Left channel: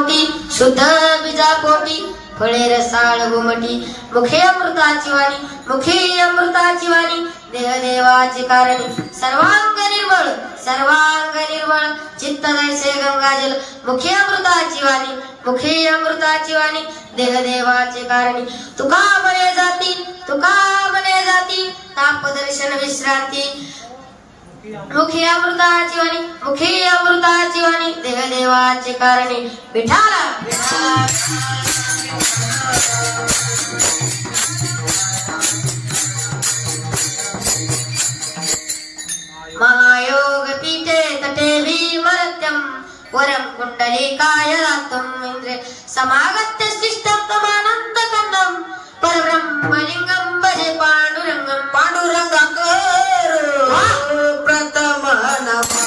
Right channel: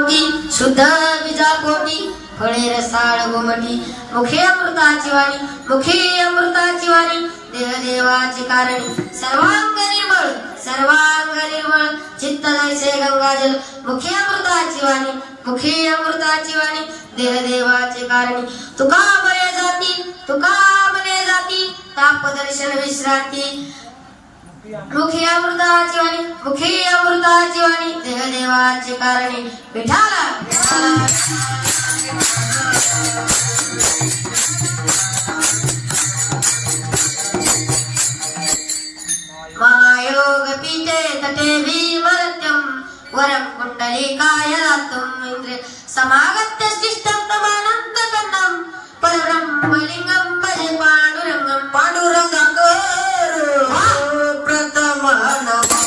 शुद्ध बीजा पोटी फळे रसाळ गोमटी मुखे अमृताची वाणी मुखे अमृताची वाणी देह देवाची कारणी सर्वांग निर्मळ चित्त जैसे गंगाजल मुखे अमृताची वाणी देह देवाची कारणी तुका म्हणे जाती ताप दर्शन विश्रांती मुखे अमृताची वाणी देह देवाची कारणी विठाला महायोग पीठे तटे वीरमर्त्यं वरं कुंडलिकाय दातुं इंद्रे समागत्य शिष्टप्रमाणन्तकन्दं परब्रह्मलिंगं भजे पांडुरंगाकर प्रथम नमः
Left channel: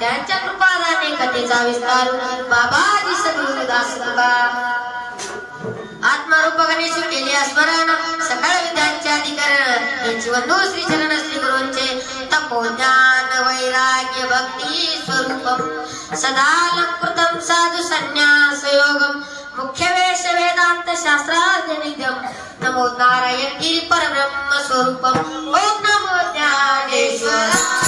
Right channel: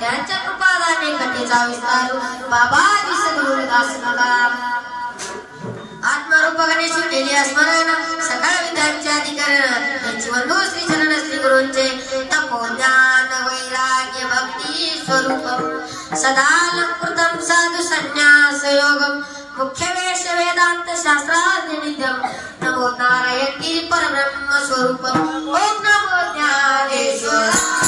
त्यांच्या कृपादाने कथेचा विस्तार बाबाजी सद्गुरुदास बाबा आत्मारूप गणेश केले स्मरण सकळ विद्यांचे अधिकरण त्यांची वंदू श्री चरण श्री गुरूंचे तपो ज्ञान वैराग्य भक्ती स्वरूपम सदा अलंकृतम साधु संन्यास योगम मुख्य वेश वेदांत शास्त्राद्य नित्यम नमो नारायण गिरी परब्रह्म स्वरूपम ओम नमो ज्ञानेश्वर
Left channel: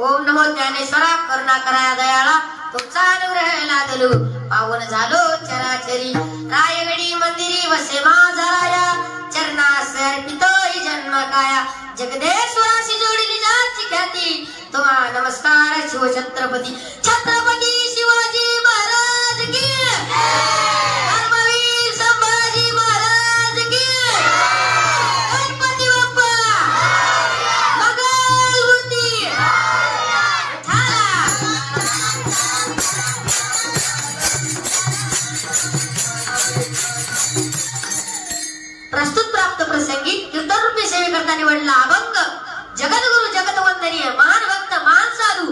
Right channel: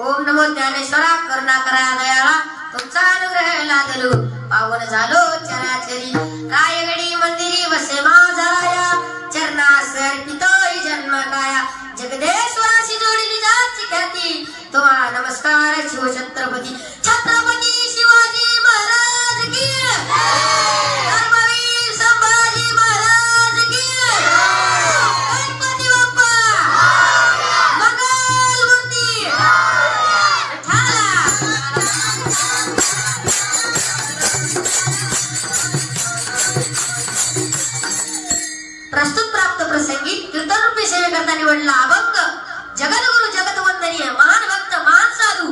ओम नमो ज्ञानेश्वरा करुणा कराया दयाळा तुमचा अनुग्रह लादलो पावन झालो चराचरी रायगडी मंदिरी वसे माझा राया चरणास अर्पितो हि जन्म काया जगदेश्वराशी जोडली जाची ख्याती तुम्हा नमस्कार शिवछत्रपती छत्रपती शिवाजी महाराज की धर्मवीर संभाजी महाराज की गणपती बाप्पा मंगलमूर्ती प्रस्तुत प्राप्त प्रसंगी कीर्तनरूपी सेवेकरता निवडला अभंग जगद्गुरु जगतवंदनीय महान भक्त महान साधू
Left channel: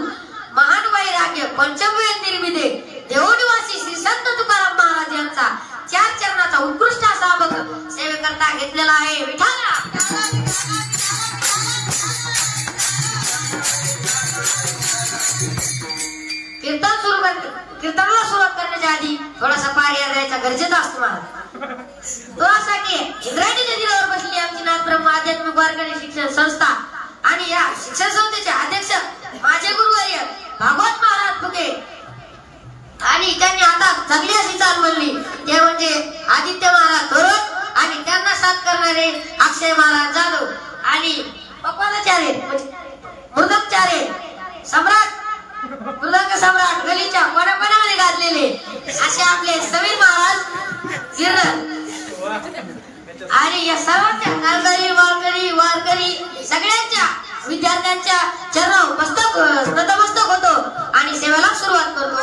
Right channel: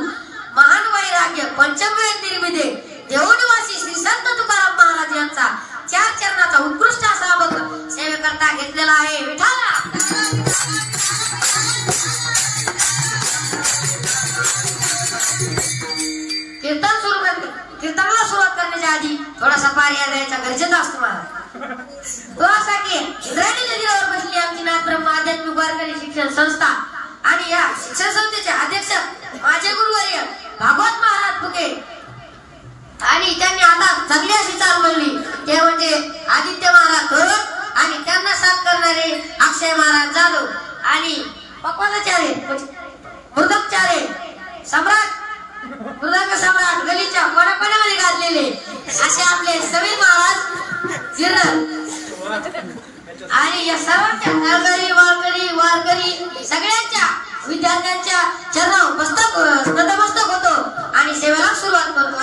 महान वैराग्य पंचमवेद निर्मिते देवनिवासी श्री संत तुकाराम महाराज यांचा 4 चरणाचा उत्कृष्ट असा अभंग सेवेकरता घेतलेला आहे विठाला कीर्तनाला सुरुवात करण्याच्या आधी थोडासा पारिया द्यायचा गरजेचा असतो मला तुझ्यासाठी इंद्रायणी नदीवर बसली आमची नाथ ब्रह्म आध्यात्मिक वारकरी शिक्षण संस्था आणि या शिक्षण संस्थेचे अध्यक्ष माझे गुरुवर्य भागवत महाराज फुके आणि त्यांनी आता चांगली अशी चाल म्हणली ते म्हणजे आदित्य महाराज थोरत आणि त्यांना साथ करणारे अक्षय महाराज जाधव आणि पक्वानाचार्य मृदंगचार्य सम्राट मृदंग सम्राट गलीच्या कोणाकोणामध्ये गाजलेले असे आपले समीर महाराज जिरण आणि या सर्वांच्या वारकरी सगळ्यांच्या विद्यार्थ्यांच्या चरणावर नतमस्तक होतो आणि सेवेला सुरुवात करतो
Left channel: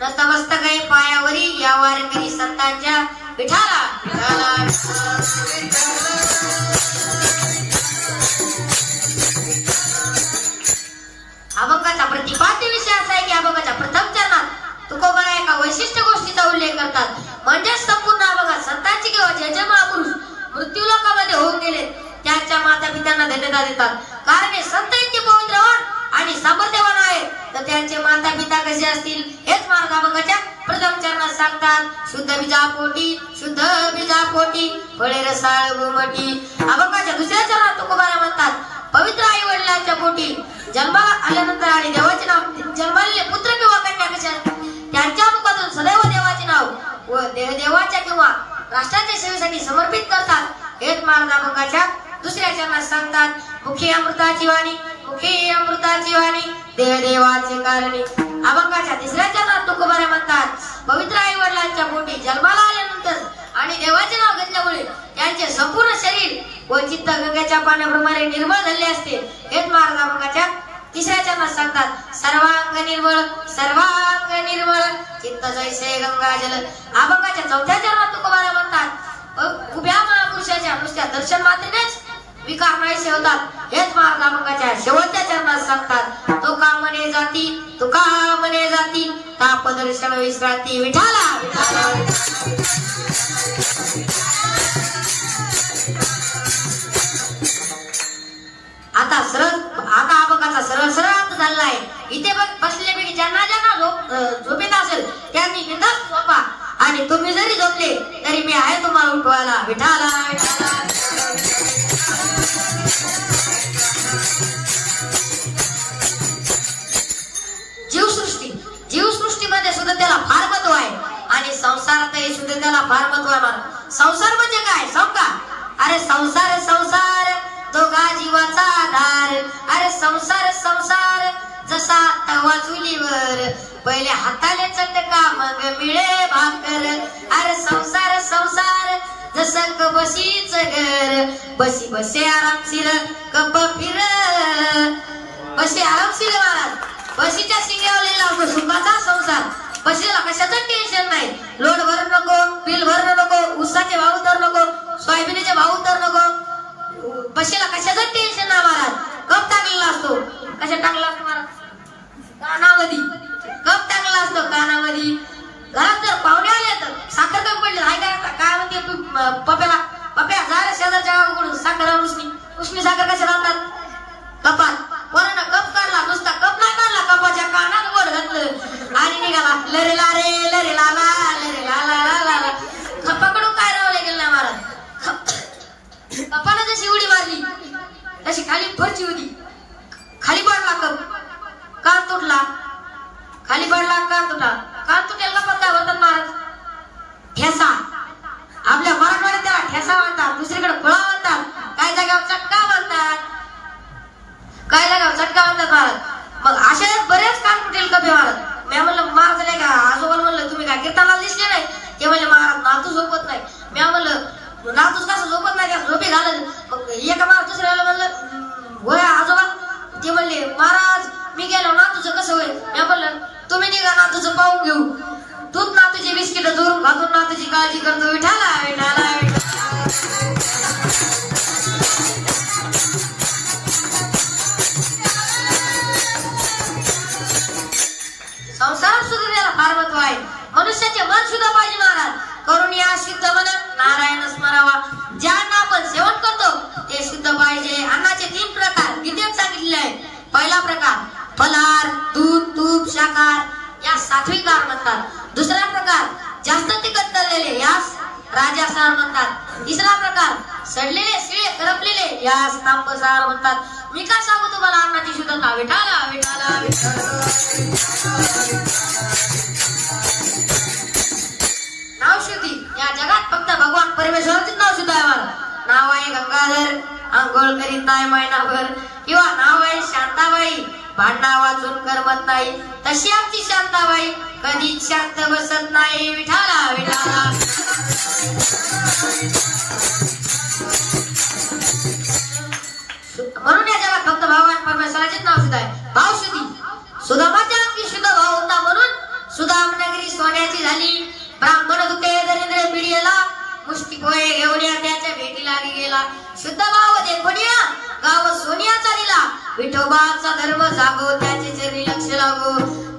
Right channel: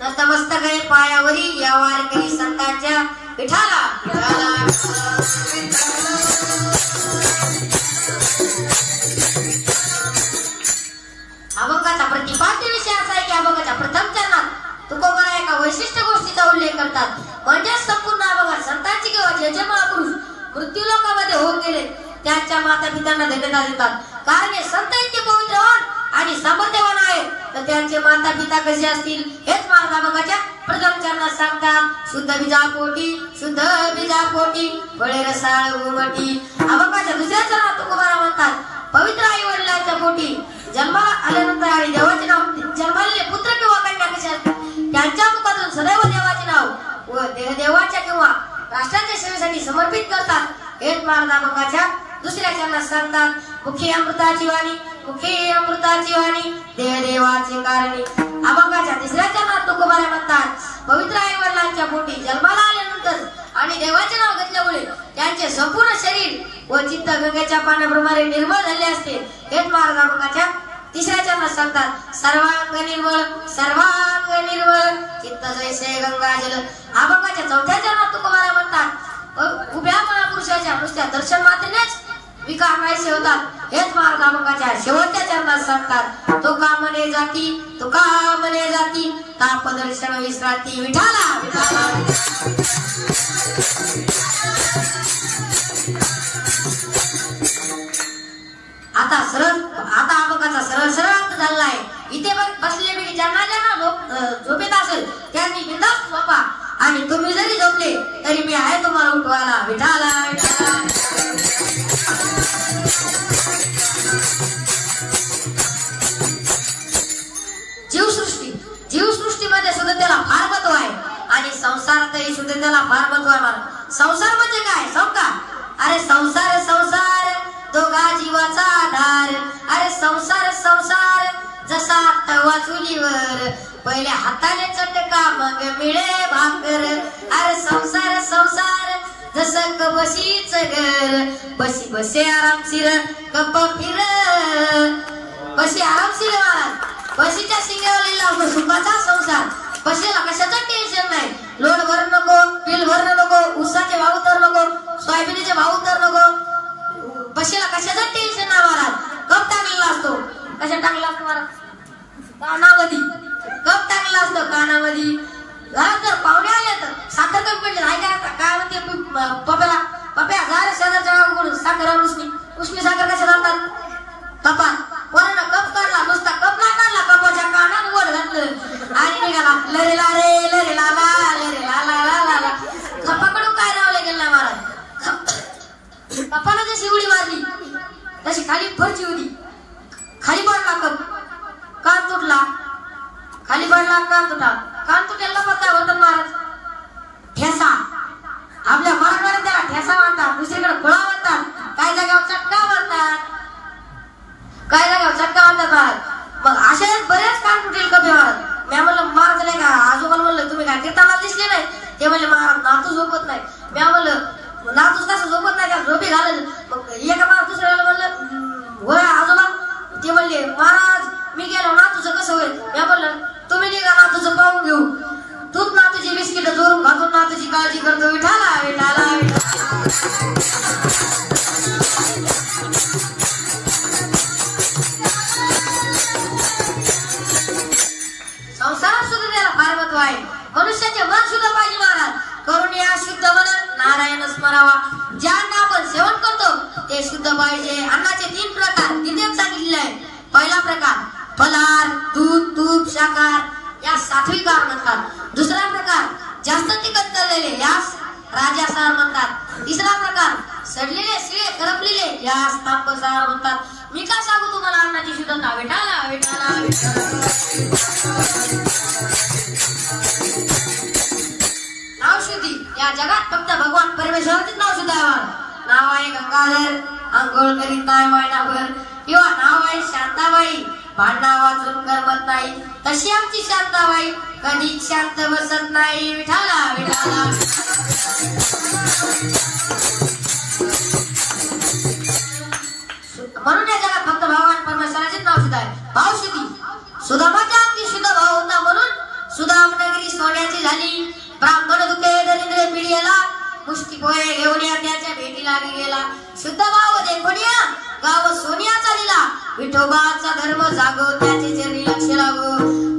नतमस्तक आहे पायावरी या वारकरी संतांच्या विठाला अभंगाचा प्रतिपाद्य विषय असा आहे की अभंगाच्या प्रथम चरणात तुकोबरा एका वैशिष्ट्य गोष्टीचा उल्लेख करतात म्हणजे संपूर्ण अभंगात संतांची किंवा जे जे महापुरुष मृत्यूलोकामध्ये होऊन गेले त्यांच्या माता पित्यांना धन्यता देतात कारण हे संत इतके पवित्रवान आणि सामर्थ्यवान आहेत तर त्यांचे माता पिता कसे असतील हेच महाराज अभंगाच्या प्रथम चरणात सांगतात शुद्ध बीजापोटी फळे रसाळ उमटी अभंगाच्या दुसऱ्या चरणात तुकोबारा म्हणतात पवित्र आई वडिलांच्या पोटी जन्माला आल्यानंतर आणि देवाचे नाव जन्मालेले पुत्र किंवा कन्या कशा त्यांच्या मुखातून सदैव देवाचे नाव व देवाच्या किंवा राष्ट्राच्या सेवेसाठी समर्पित करतात हेच महाराज अभंगाच्या दुसऱ्या चरणात सांगतात मुखी अमृताची वाणी देवाचे कारणी अभंगाच्या तिसऱ्या चरणात तुकोबारा म्हणतात पवित्र आई वडिलांच्या पोटी जन्माला आल्यानंतर आणि देवाचे नाव घेतल्यामुळे त्यांचे संपूर्ण शरीर व चित्त गंगेच्या पाण्याप्रमाणे निर्मळ झाले असते हेच महाराज अभंगाच्या तिसऱ्या चरणात सांगतात सर्वांग निर्मळ चित्त जैसे गंगाजल अभंगाच्या चौथ्या चरणात तुकोबारा म्हणतात उभ्या महापुरुषाच्या नुसत्या दर्शन मात्रेनेच विकार नाहीसे होतात हेच महाराज अभंगाच्या शेवटच्या चरणात सांगतात तो का मने जाती ताप दर्शन विश्रांती विठाला आता अभंगाचा सरळ अर्थ झाला आहे इथे बसलेपैकी ज्यांना झोपेत असेल त्यांनी बिनधास्त झोपा आणि तुम्ही जरी झोपले तरी मी आहे तुम्हाला उठवायला विठाला जीवसृष्टीमध्ये सुद्धा त्याला फार महत्व आहे आणि संसारातही सुद्धा त्याला फार महत्व आहे. संसार म्हणजे काय सांगा? अरे संसार दोघा जीवाचा आधार. अरे संसार संसार जसा तवा चुलीवर, पहिले हाताले चटका मग मिळे भाकर. अरे संसार संसार जसं कबशीच घर, बशी बसे आरामशीर कप फिर. बशी आरामशीर महाराज, बशीच्या शिंग्यावर लागतो सुखाचा संसार. बशीला कशाचं टेन्शन नाही, लोड भर नको, बिल भरणं नको, ऊसाचे भाव तर नको, सोयाबीनचे भाव तर नको. बशीला कशाचं टेन्शन नाही महाराज. कप टाकलेला असतो. कशा टाकला असतो महाराज? कानामध्ये कप टाकला असतो, कानामध्ये. घरात जर पाहुणे आले तर साखर कमी पडली हाय काय म्हणते तू पप्याला, पप्या झालं शेजारच्या गावाकडून साखर आणून उष्णी साखर कशा घालतात? कपात. पोरांना कप काढला, नुसता कप नाही काढला, कपाच्या कानात गोड घातलं आणि निघाला लरे ला रे लरे ला ला लरे ला ला ला ला. कपाकडून काय रावले गेला महाराज. कपाला जशी उडी मारली तशी खाली फरची होती. खाली पडला कप, कान तुटला. खाली पडला, कान तुटला. कान तुटेल कपात काय म्हणतात महाराज? ठेसा. आपल्या मराठवाड्यात त्याला ठेसा म्हणतात, दुसरीकडे खुळा म्हणतात, काही जागेवर चटका म्हणतात, काही जागेवर चटका म्हणतात महाराज. मग अशा बरेच कान तुटेल कप महाराज. मी म्हणलं महाराज नाही का आजोबाला म्हणलं तुम्ही काय कीर्तनाला दिसले नाही? ते म्हणले महाराज नातू झोपत नाही. मी म्हणलं नातूच कसं झोपत नाही, त्या झोपी घालत. मग एका महाराज दुसऱ्याला म्हणलं होय आजोबा? ते म्हणले महाराज मी गेलो नातूचं कसं होईल? मी म्हणलं तुम्ही निघा नातूचं पाहून घेऊ. तूच नातूची बिस्किट जोरून घालून नातूची काळजी करतो. विठाला विठाला संसारात सुद्धा त्याला फार महत्व आहे. मनुष्याचे मन सुद्धा पाहिजे महाराज. करून या शुद्ध मन नारायण स्मरावा. जे अन्न आपण सेवन करतो ते शुद्ध पाहिजे. अन्नाचे 3 प्रकार गीतेत सांगितलेले आहेत. पहिला प्रकार फलाहार, दूध, तूप, शाकाहार या सात्विक आहार म्हणतात. दुसरा प्रकार जास्त तिखट तळलेले यास राजासार म्हणतात. तिसरा प्रकार सडलेले शिळे करपलेले यास तांबसार म्हणतात. मी काय सांगू तुम्हाला अन्नाची शुद्धता? विठाला विठाला विठाला. नाव शुद्धी या जगात फक्त भगवान परमेश्वराचेच नाव शुद्ध आहे. नाव आहे गंगाधर, आंघोळ करीत आहे महिनाभर. किंवा नाव आहे शांताबाई, भांडणा वाचून करमत नाही. तशी आमची शांताबाई कधीच शांत बसत नाही. विठाला विठाला. म्हणून या जगात फक्त भगवान परमेश्वराचेच नाव शुद्ध आहे. भाव शुद्धी. सुदामाच्या अंगी शुद्ध भाव होता म्हणून सुदाम नगरी सोन्याची झाली. ब्राह्मण दुखे दरिद्र पिढीला, मुष्टी पोहे घेऊन या त्याच्या भेटीला गेला. शुद्ध भाव देखून या गाव सोनियाचा दिला. विठोबाचा धर्म जागो त्याचे चरणी लक्ष लागो.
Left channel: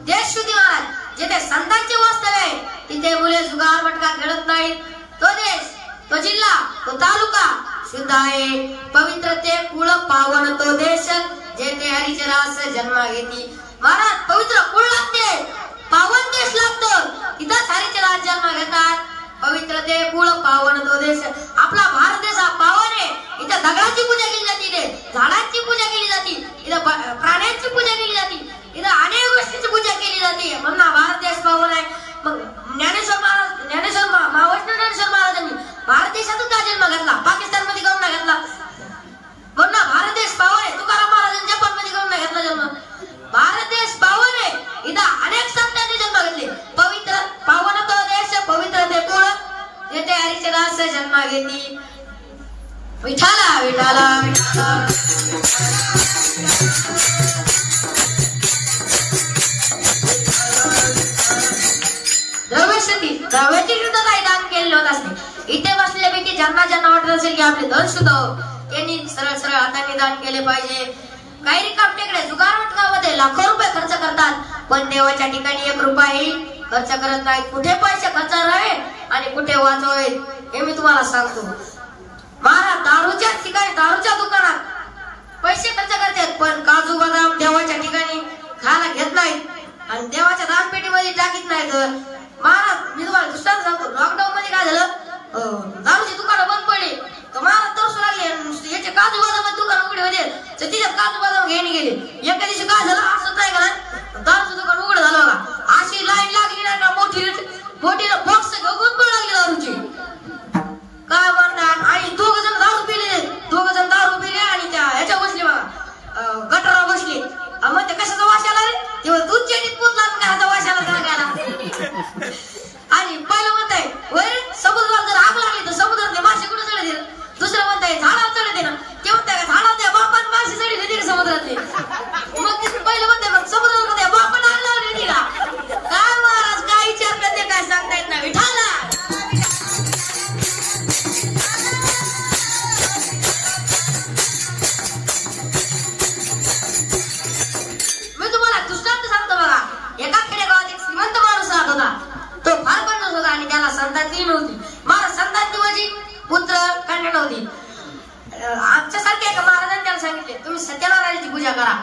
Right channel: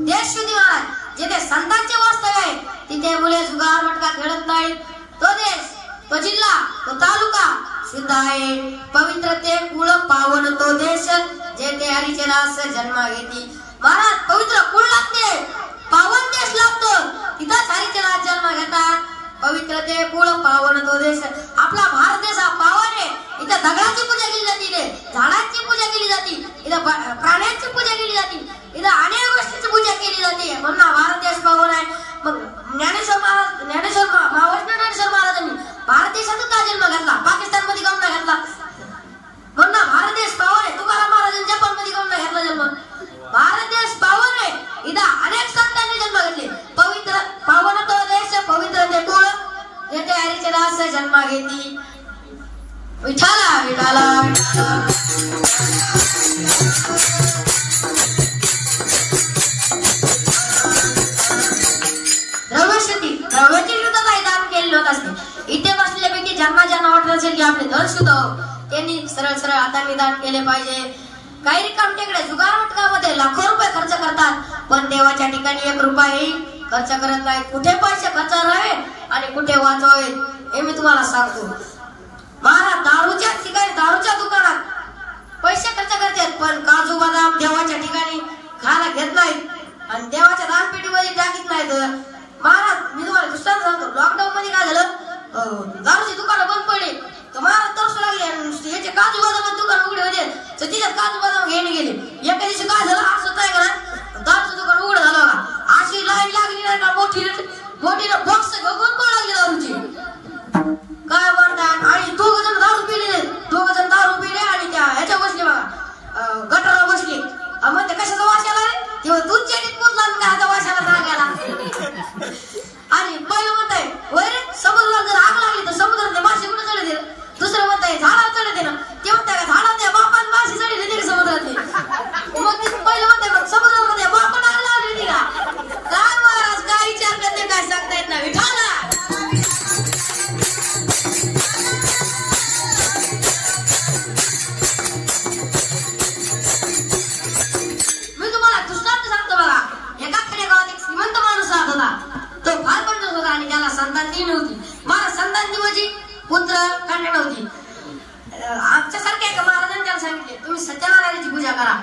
देश शुद्धी महाराज. जिथे संतांचे वास्तव्य आहे तिथे मुले जुगार मटका खेळत नाहीत. तो देश, तो जिल्हा, तो तालुका शुद्ध आहे. पवित्र ते कुळ पावन तो देश, जेथे हरीचे दास जन्मा घेती. महाराज पवित्र कुळ लागते, पावन देश लागतो, तिथंच हरीचे दास जन्मा घेतात. पवित्र ते कुळ पावन तो देश. आपला भारत देश हा पावन आहे. इथं दगडाची पूजा केली जाते, इथे झाडांची पूजा केली जाते, इथं प्राण्यांची पूजा केली जाते, इथं अनेक गोष्टींची पूजा केली जाते. म्हणून भारत देश पावन आहे. मग ज्ञानेश्वर महाराजांनी भारत देशातच का जन्म घेतला? पाकिस्तान मध्ये काऊन नाही घेतला? म्हणून भारत देश पावन आहे. तुकाराम महाराजांनी जपान मध्ये काऊन नाही घेतला जन्म? भारत देश पावन आहे. इथं अनेक संतांनी जन्म घेतले. पवित्र पावन तो देश, पवित्र ते कुळ, जेथे हरीचे दास जन्मा घेती. विठाला विठाला विठाला. द्रव्यशुद्धी. द्रव्याची शुद्धता दान केलेली होत असते. इथे बसलेल्यापैकी ज्यांना ज्यांना वाटत असेल की आपले धन शुद्ध हो, त्यांनी सरळ सरळ हाताने दान केले पाहिजे. काही रिकामटेकडे जुगार मटकामध्ये लाखो रुपये खर्च करतात, पण देवाच्या ठिकाणी 1 रुपयाही खर्च करत नाहीत. कुठे पैसे खर्च आहे आणि कुठे वाचवावे हे मी तुम्हाला सांगतो. महाराज दारूच्या ठिकाणी, दारूच्या दुकानात पैसे खर्च करतात, पण काजू बदाम देवाच्या ठिकाणी खायला घेत नाहीत आणि देवाच्या दानपेटीमध्ये टाकीत नाहीत. महाराज मी तुम्हाला दृष्टांत सांगतो. लॉकडाऊन मध्ये काय झालं, दारूची दुकानं बंद पडली तर महाराज तरसू लागले. याचे काजू बदाम दुकान उघडे होते तर तिच्यात काजू बदाम घेणे गेले. एका दिवशी काय झालं, असं काय का दारूचं दुकान उघड झालं का? अशी लाईन लागली नाही का, मोठी मोठी बॉक्स घेऊन पण लागली दारूची. काय म्हणतात? आणि 2 जण दारू पिले आणि सत्यनारायणाची पूजा करा,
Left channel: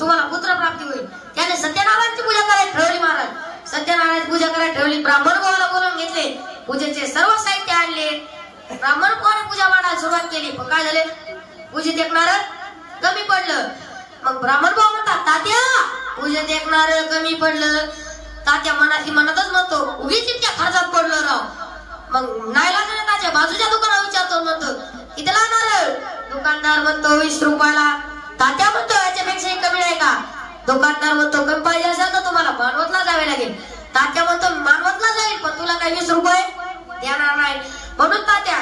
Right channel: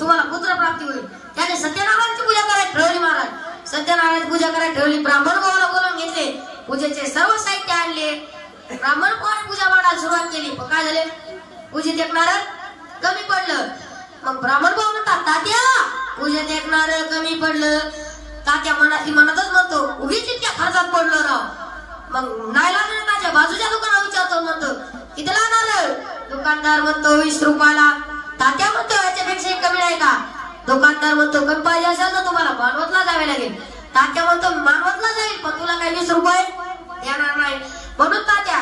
तुम्हाला पुत्र प्राप्ती होईल. त्याने सत्यनारायणाची पूजा करायला ठरवली महाराज. सत्यनारायणाची पूजा करायला ठरवली. ब्राह्मण भावाला बोलावून घेतले, पूजेचे सर्व साहित्य आणले. ब्राह्मण भावाने पूजा मांडायला सुरुवात केली. पण काय झाले, पूजेत एकणार कमी पडलं. मग ब्राह्मण भाऊ म्हणतात, तात्या पूजेत एकणार कमी पडलं. तात्या मनातच म्हणतो, उगीच इतक्या खर्चात पडलं राव. मग नाही लागले त्याच्या बाजूच्या दुकानात विचारतो, म्हणतो किती लागणार. दुकानदार म्हणतो 20 रुपयाला. तात्या म्हणतो याच्यापेक्षा कमी नाही का. दुकानदार म्हणतो कमी पाहिजे असेल तर तुम्हाला मानवतला जावे लागेल. तात्या म्हणतो मानवतला जाईल, पण तुला काही 20 रुपये देणार नाही. म्हणून तात्या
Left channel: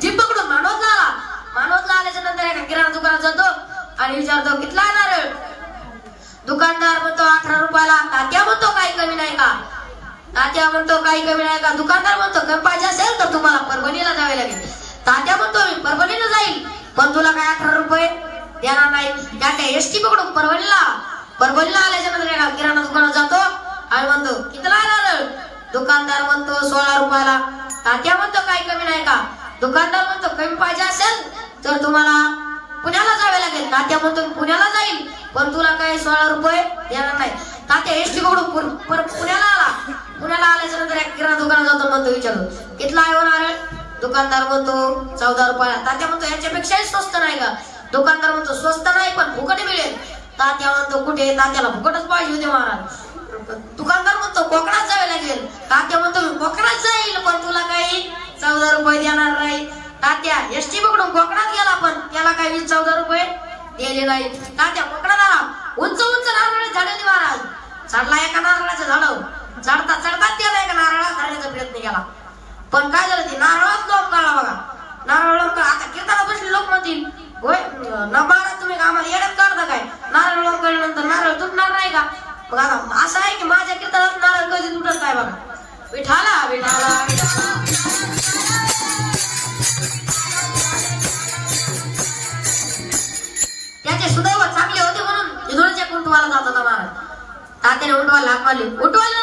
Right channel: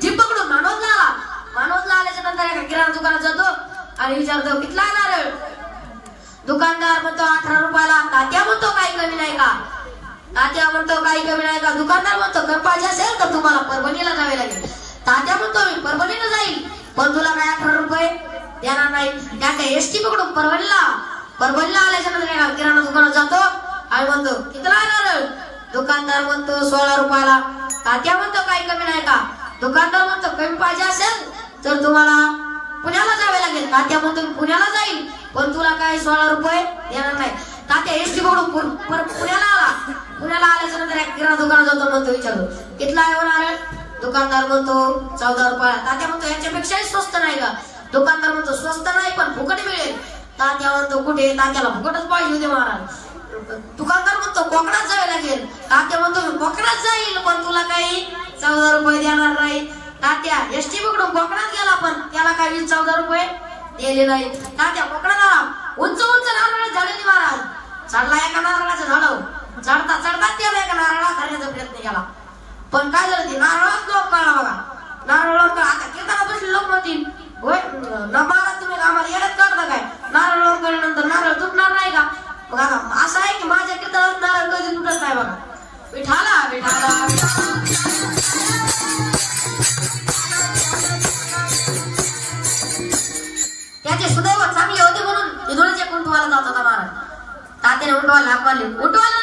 जीप पकडून मानवतला आला. मानवतला आल्याच्या नंतर एका किराणा दुकानात जातो आणि विचारतो किती लागणार. दुकानदार म्हणतो 18 रुपयाला. तात्या म्हणतो काही कमी नाही का. तात्या म्हणतो काही कमी नाही का. दुकानदार म्हणतो कमी पाहिजे असेल तर तुम्हाला परभणीला जावे लागेल. तात्या म्हणतो मी परभणीला जाईल, पण तुला काय 18 रुपये देणार नाही. तात्या एसटी पकडून परभणीला आल्याच्या नंतर एका किराणा दुकानात जातो आणि म्हणतो किती लागणार. दुकानदार म्हणतो 16 रुपयाला. तात्या म्हणतो काही कमी नाही का. दुकानदार म्हणतो कमी पाहिजे असेल तर तुम्हाला पुण्याला जावे लागेल. तात्या म्हणतो पुण्याला जाईल, पण तुला काही 16 रुपये देणार नाही. तात्या एसटी पकडून पुण्याला आला. पुण्याला आल्याच्या नंतर एक किराणा दुकानात जातो, म्हणतो विचारतो कितला आहे होणार. दुकानदार म्हणतो 14 रुपयाला. तात्या म्हणतो याच्यापेक्षाही स्वस्त नाही का. दुकानदार म्हणतो स्वस्त नाही पण फुकट मिळेल. तात्या म्हणतो कुठे. तात्याला फुकटच पाहिजे होते महाराज. दुकानदार म्हणतो कोकणात जावे लागेल. तात्या म्हणतो मी कोकणात जाईल, पण तुला काही 14 रुपये देणार नाही. तात्या एसटी पकडून कोकणात गेला, पण त्याला काही 14 रुपये दिले नाही. तात्या कोकणात आला. उंच नारळ झालेली महाराज. चढला एका नारळाच्या झाडावर. चढता त्याला एका नारळा धरण्याचा प्रयत्न केला, पण काय झालं ते नारळाच लोक काढला बघा. नारळ लोक आता कीर्तनाला बसले लोक म्हणतील होय न महाराज तुम्ही आम्हाला येड्यात काढता काय. नारळ लोक काढल्यानंतर नारळ तुटणार नाही का. मग आता असं आहे की माझ्या कीर्तनात नारळ कधी तुटत नाही बघा. विठाला विठाला त्याचे सुदैव चांगले होते म्हणून विदुळीच्या कुंटवाला जात होता महाराज. तात्याने उठवायला हाक मारली. उठवायला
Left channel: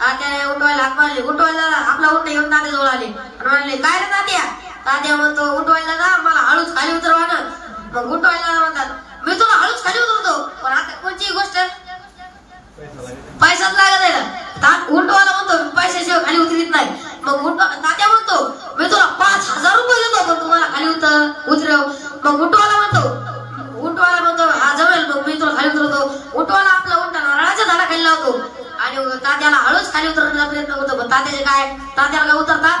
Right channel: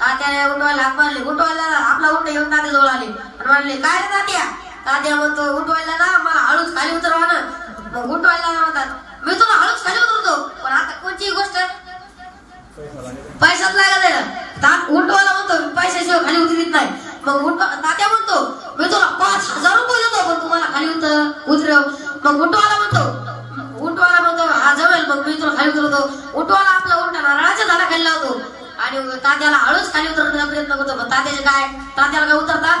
तात्याने उठवायला हाक मारली. उठवायला आपला उंट घेऊन तात्या जवळ आले आणि म्हणले काय रे तात्या. तात्या म्हणतो उठवायला ना मला हळूच खाली उतरवा ना. मग उठवायला म्हणतात मी तुला हळूच खाली उतरतो, पण आता कोणतीही गोष्ट पैसाच लागत आहे ना. उठवायला म्हणतो पैशाशिवाय खाली उतरत नाही. मग तात्या म्हणतो मी तुला 5000 रुपये देतो, पण तुम्हाला खाली उतरव. मग उठवायला म्हणतो हा जमेल, मग मी तुला खाली उतरवतो. उठवायला आपला उंट नारळाच्या झाडाखाली लावतो आणि तात्याला हळूच खाली उतरण्याचा प्रयत्न करतो, पण तात्याला काय उतरता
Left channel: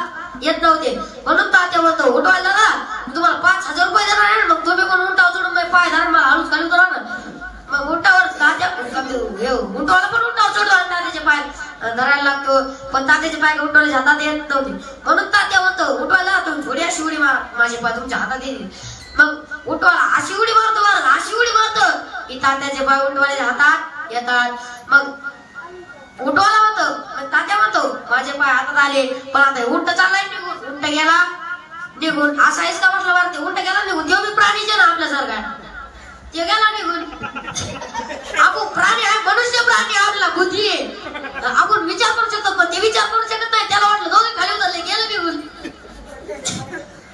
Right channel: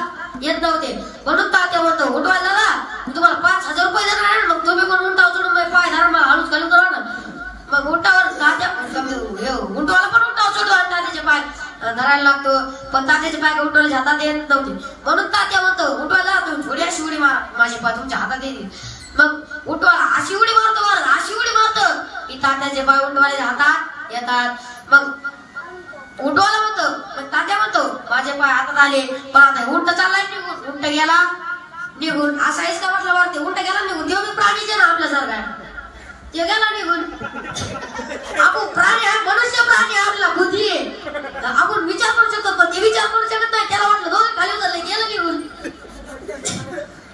येत नव्हते. म्हणून तात्या म्हणतो उठवायला ना मी तुम्हाला 5000 रुपये देणार आहे, मग तुम्ही पण उंटावर चढून पाय धरा मला हळूच खाली उतरवा ना. मग उंटावर तात्या उंटवाला पण उंटावर चढतो आणि तात्याचे पाय धरायला लागतो, पण तात्याचे पाय उंटवायच्या हातात येत नव्हते. म्हणून तात्या म्हणतो उठवायला तुम्ही थोडी अशी उडी मारा, माझे पाय तुमच्या हातात येतील. मग उठवायला अशी उडी मारतो की तात्याचे पाय उंटवाल्याच्या हातात येतात. मग उठवायला म्हणतो तात्या म्हणतो माझे पाय हातात आले, पण आता उंट चाललाय निघून. उंट गेला निघून. असा इसका म्हटलं मारते उंट गेला निघून. तेव्हा मी प्राणीचे ना आपल्यासारखा ते गेला निघून. आपण प्राणी आहे, मनुष्य प्राणी आपला बुद्धी आहे, आपण विचार करू शकतो, पण ते विचार करू शकत नाही. त्याला वाटलं दोघे खाली उतरले गेलं निघून.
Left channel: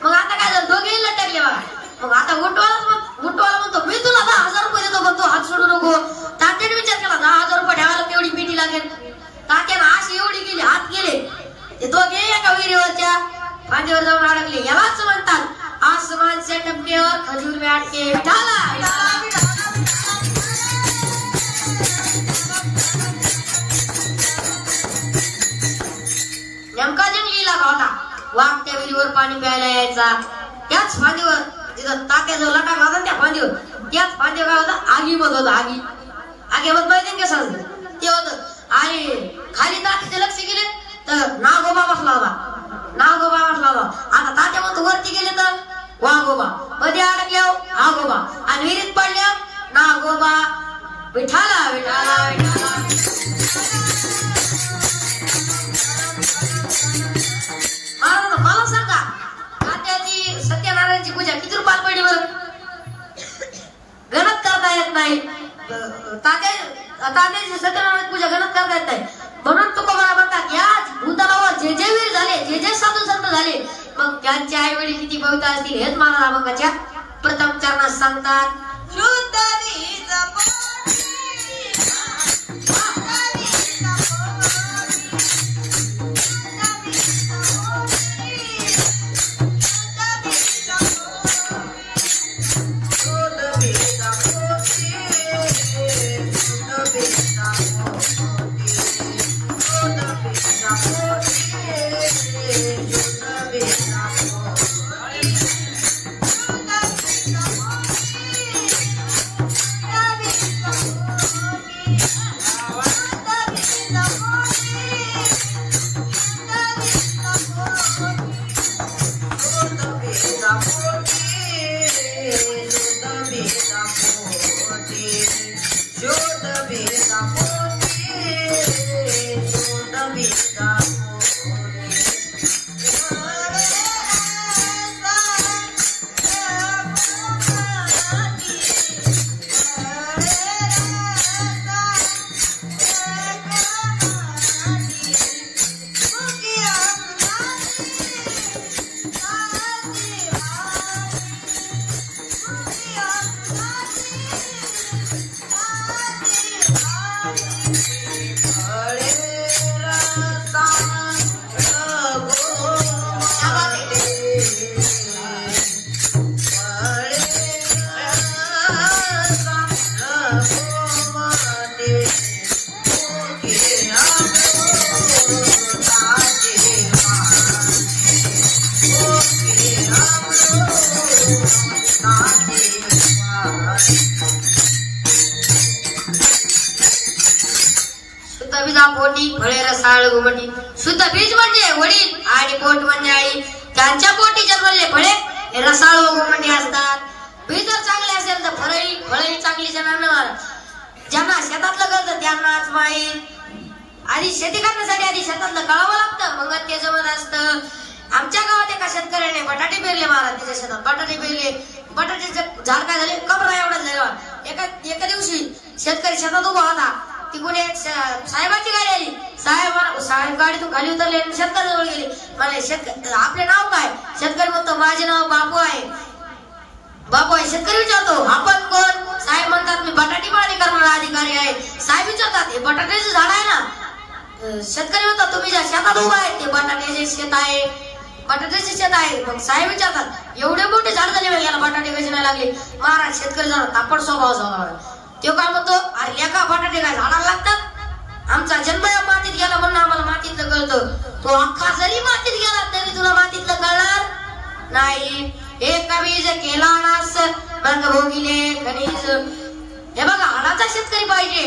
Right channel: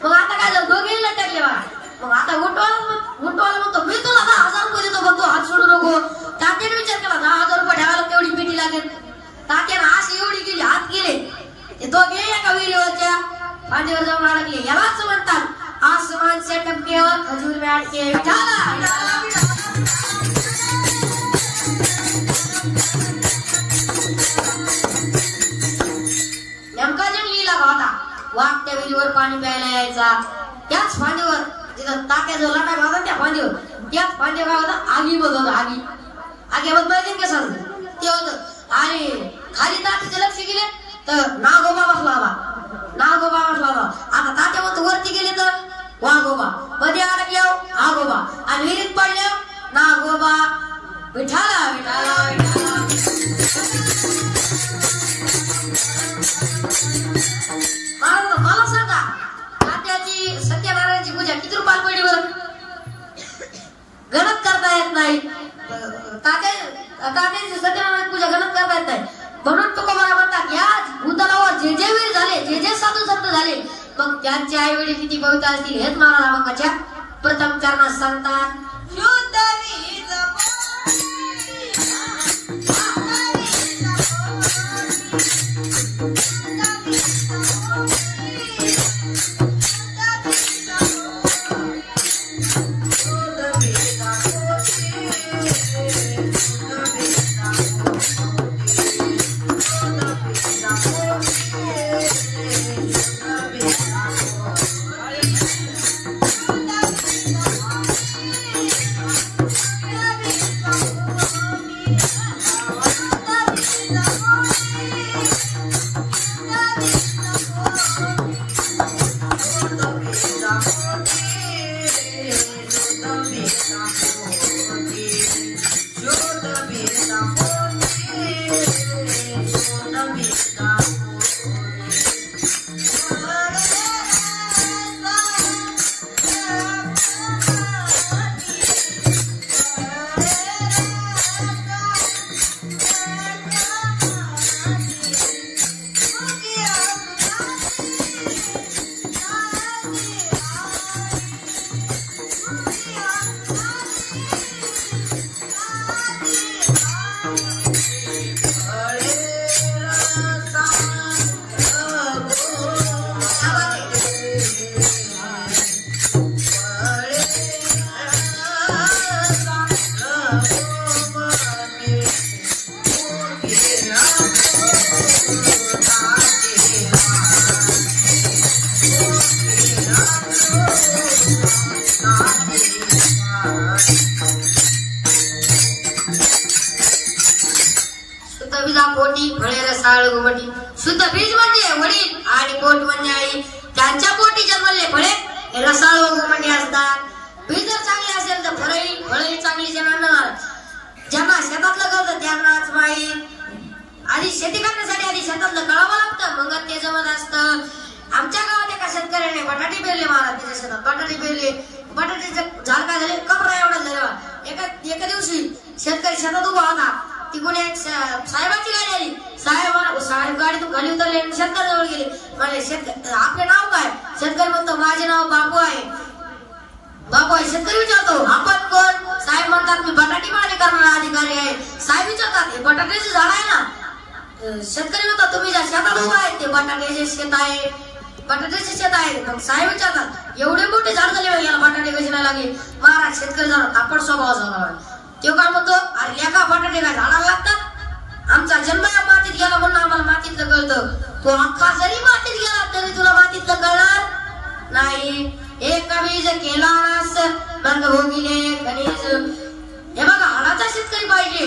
मग आता काय झालं दोघे लटकले बघा. मग आता उंटवाला म्हणतो मी तुला 10,000 रुपये देतो, पण तू हात सोडू नको. तात्याने विचार केला 10,000 रुपये ठेवायला केवढी पेटी लागेल. तात्याने अशी एवढी गेली हात गेले ते दोघे एका विहिरीवरच्या फांदीवर जाऊन अडकले. यालाच म्हणतात आसमान से टपकेवर खजूर में अटके. विठाला नेमका जंगली लागा होता. वाघ त्या विहिरीवर पाणी प्यायला यायचा. त्याच फांदीवर जिथं तात्या जो लटाक होता त्या फांदीवर, त्याच फांदीवर काय होतं आगी बघ होतं. आगीवर माहिती कसं ते होतं. आणि खाली तात्याचे लक्ष गेले तर नागोबा बसला होता. आता तात्या म्हणतो वरती गेले तर वाघोबा, मध्ये अडकल्यावर आगोबा आणि विहिरीत पडल्यावर नागोबा. विठाला विठाला विठाला मला सांगा तात्याची सत्यनारायणची पूजा किती रुपयाला पडली बरं. गणत करता येत नाही. तात्याची सत्यनारायण पूजा गणत करता येत नाही. म्हणून तुकोबाला म्हणतात या भूतलावर जे जे वीर झाले, जे जे साधू संत झाले, मग त्यांचे आई वडील किती पवित्र असतील हेच महाराजांच्या प्रथम सांगतात शुद्ध वीज पोटी फळे रसाळ घुमटी शुद्ध बीज म्हणजे वडील आणि पोट म्हणजे आई त्यांच्या पोटी जन्मले फळे रसाळ व घुमटी असतात. बीज जर चांगले असेल तर फळही चांगली जन्मणार. ज्यांना शेतातलं करतं त्यांनाच माहीत. आधी शेती करण्यासाठी आधी शेतातलं कळावं लागतं मग ते जमत असतं. आमच्या गावात एका शेतकऱ्याने बटाटे पेरले महाराज. त्याच्या शेतात बटाटे पेरले. बटाट्याचे झाड काय झाले कपडा एवढा झाला. एका दिवशी शेतकरी शेतात उभा होता. तिकडून एक साहेबांची गाडी आली. साहेब गाडीतून खाली उतरले आणि शेतकऱ्याजवळ गेले. म्हणले आपले नाव काय? शेतकरी म्हणतो माझे नाव बापू आहे. बापू आहे. शेतकरी विचारतो आपण कोण? साहेब म्हणतात मी बटाटे पाणी करणारा अधिकारी आहे. साहेब विचारतात हे बटाट्याचे झाड आहे ना? शेतकरी म्हणतात तुम्ही ज्या शेतात उभा आहे ते बटाट्याचे शेत आहे. बटाट्याचे शेत आहे. मग साहेब विचारतात एवढे मोठे झाड झाले याला बटाटे कसे नाही लागले? महाराज शेतकरी जरा तापड स्वभाव झाला. तो काय म्हणतो अरे लेका बटाटे काय झाडाला लागतात? आमचा जन्म या मातीत गेला म्हणून आम्हाला मातीतलं कळतं. तो अख्खा जरी मातीत गेला तरी तुला मातीतलं कळणार नाही. एक बीज केला नास मग भोगिले खनिज. हे बघा हाडाचा शेतकरी पाहिजे.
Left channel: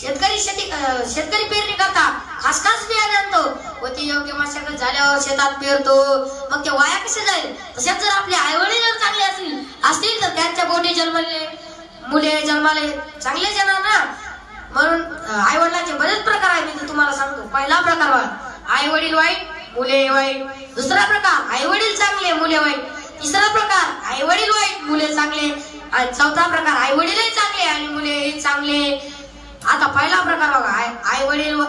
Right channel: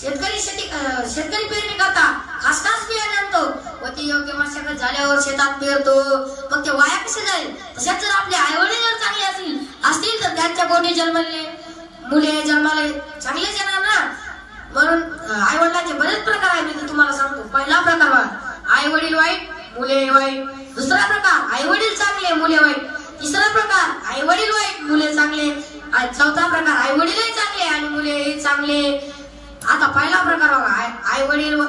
शेतकरी पेरणी करता खास बियाणे आणतो व ते योग्य मशागत झाल्यावर शेतात पेरतो. मग ते वाया कसे जाईल? तशाच जर आपले आईवडील जर चांगले असतील तर त्यांच्या पोटी जन्मले मुले जन्माले चांगले येणार ना. म्हणून आई वडिलांचे बरेच प्रकार आहेत. मी तुम्हाला सांगतो. पहिला प्रकार बघा आई वडील वाईट मुले वाईट. दुसरा प्रकार आई वडील चांगले मुले वाईट. तिसरा प्रकार आई वडील वाईट मुले चांगले. आणि चौथा प्रकार आई वडीलही चांगले आणि मुले चांगले. आता पहिला प्रकार बघा आई वडील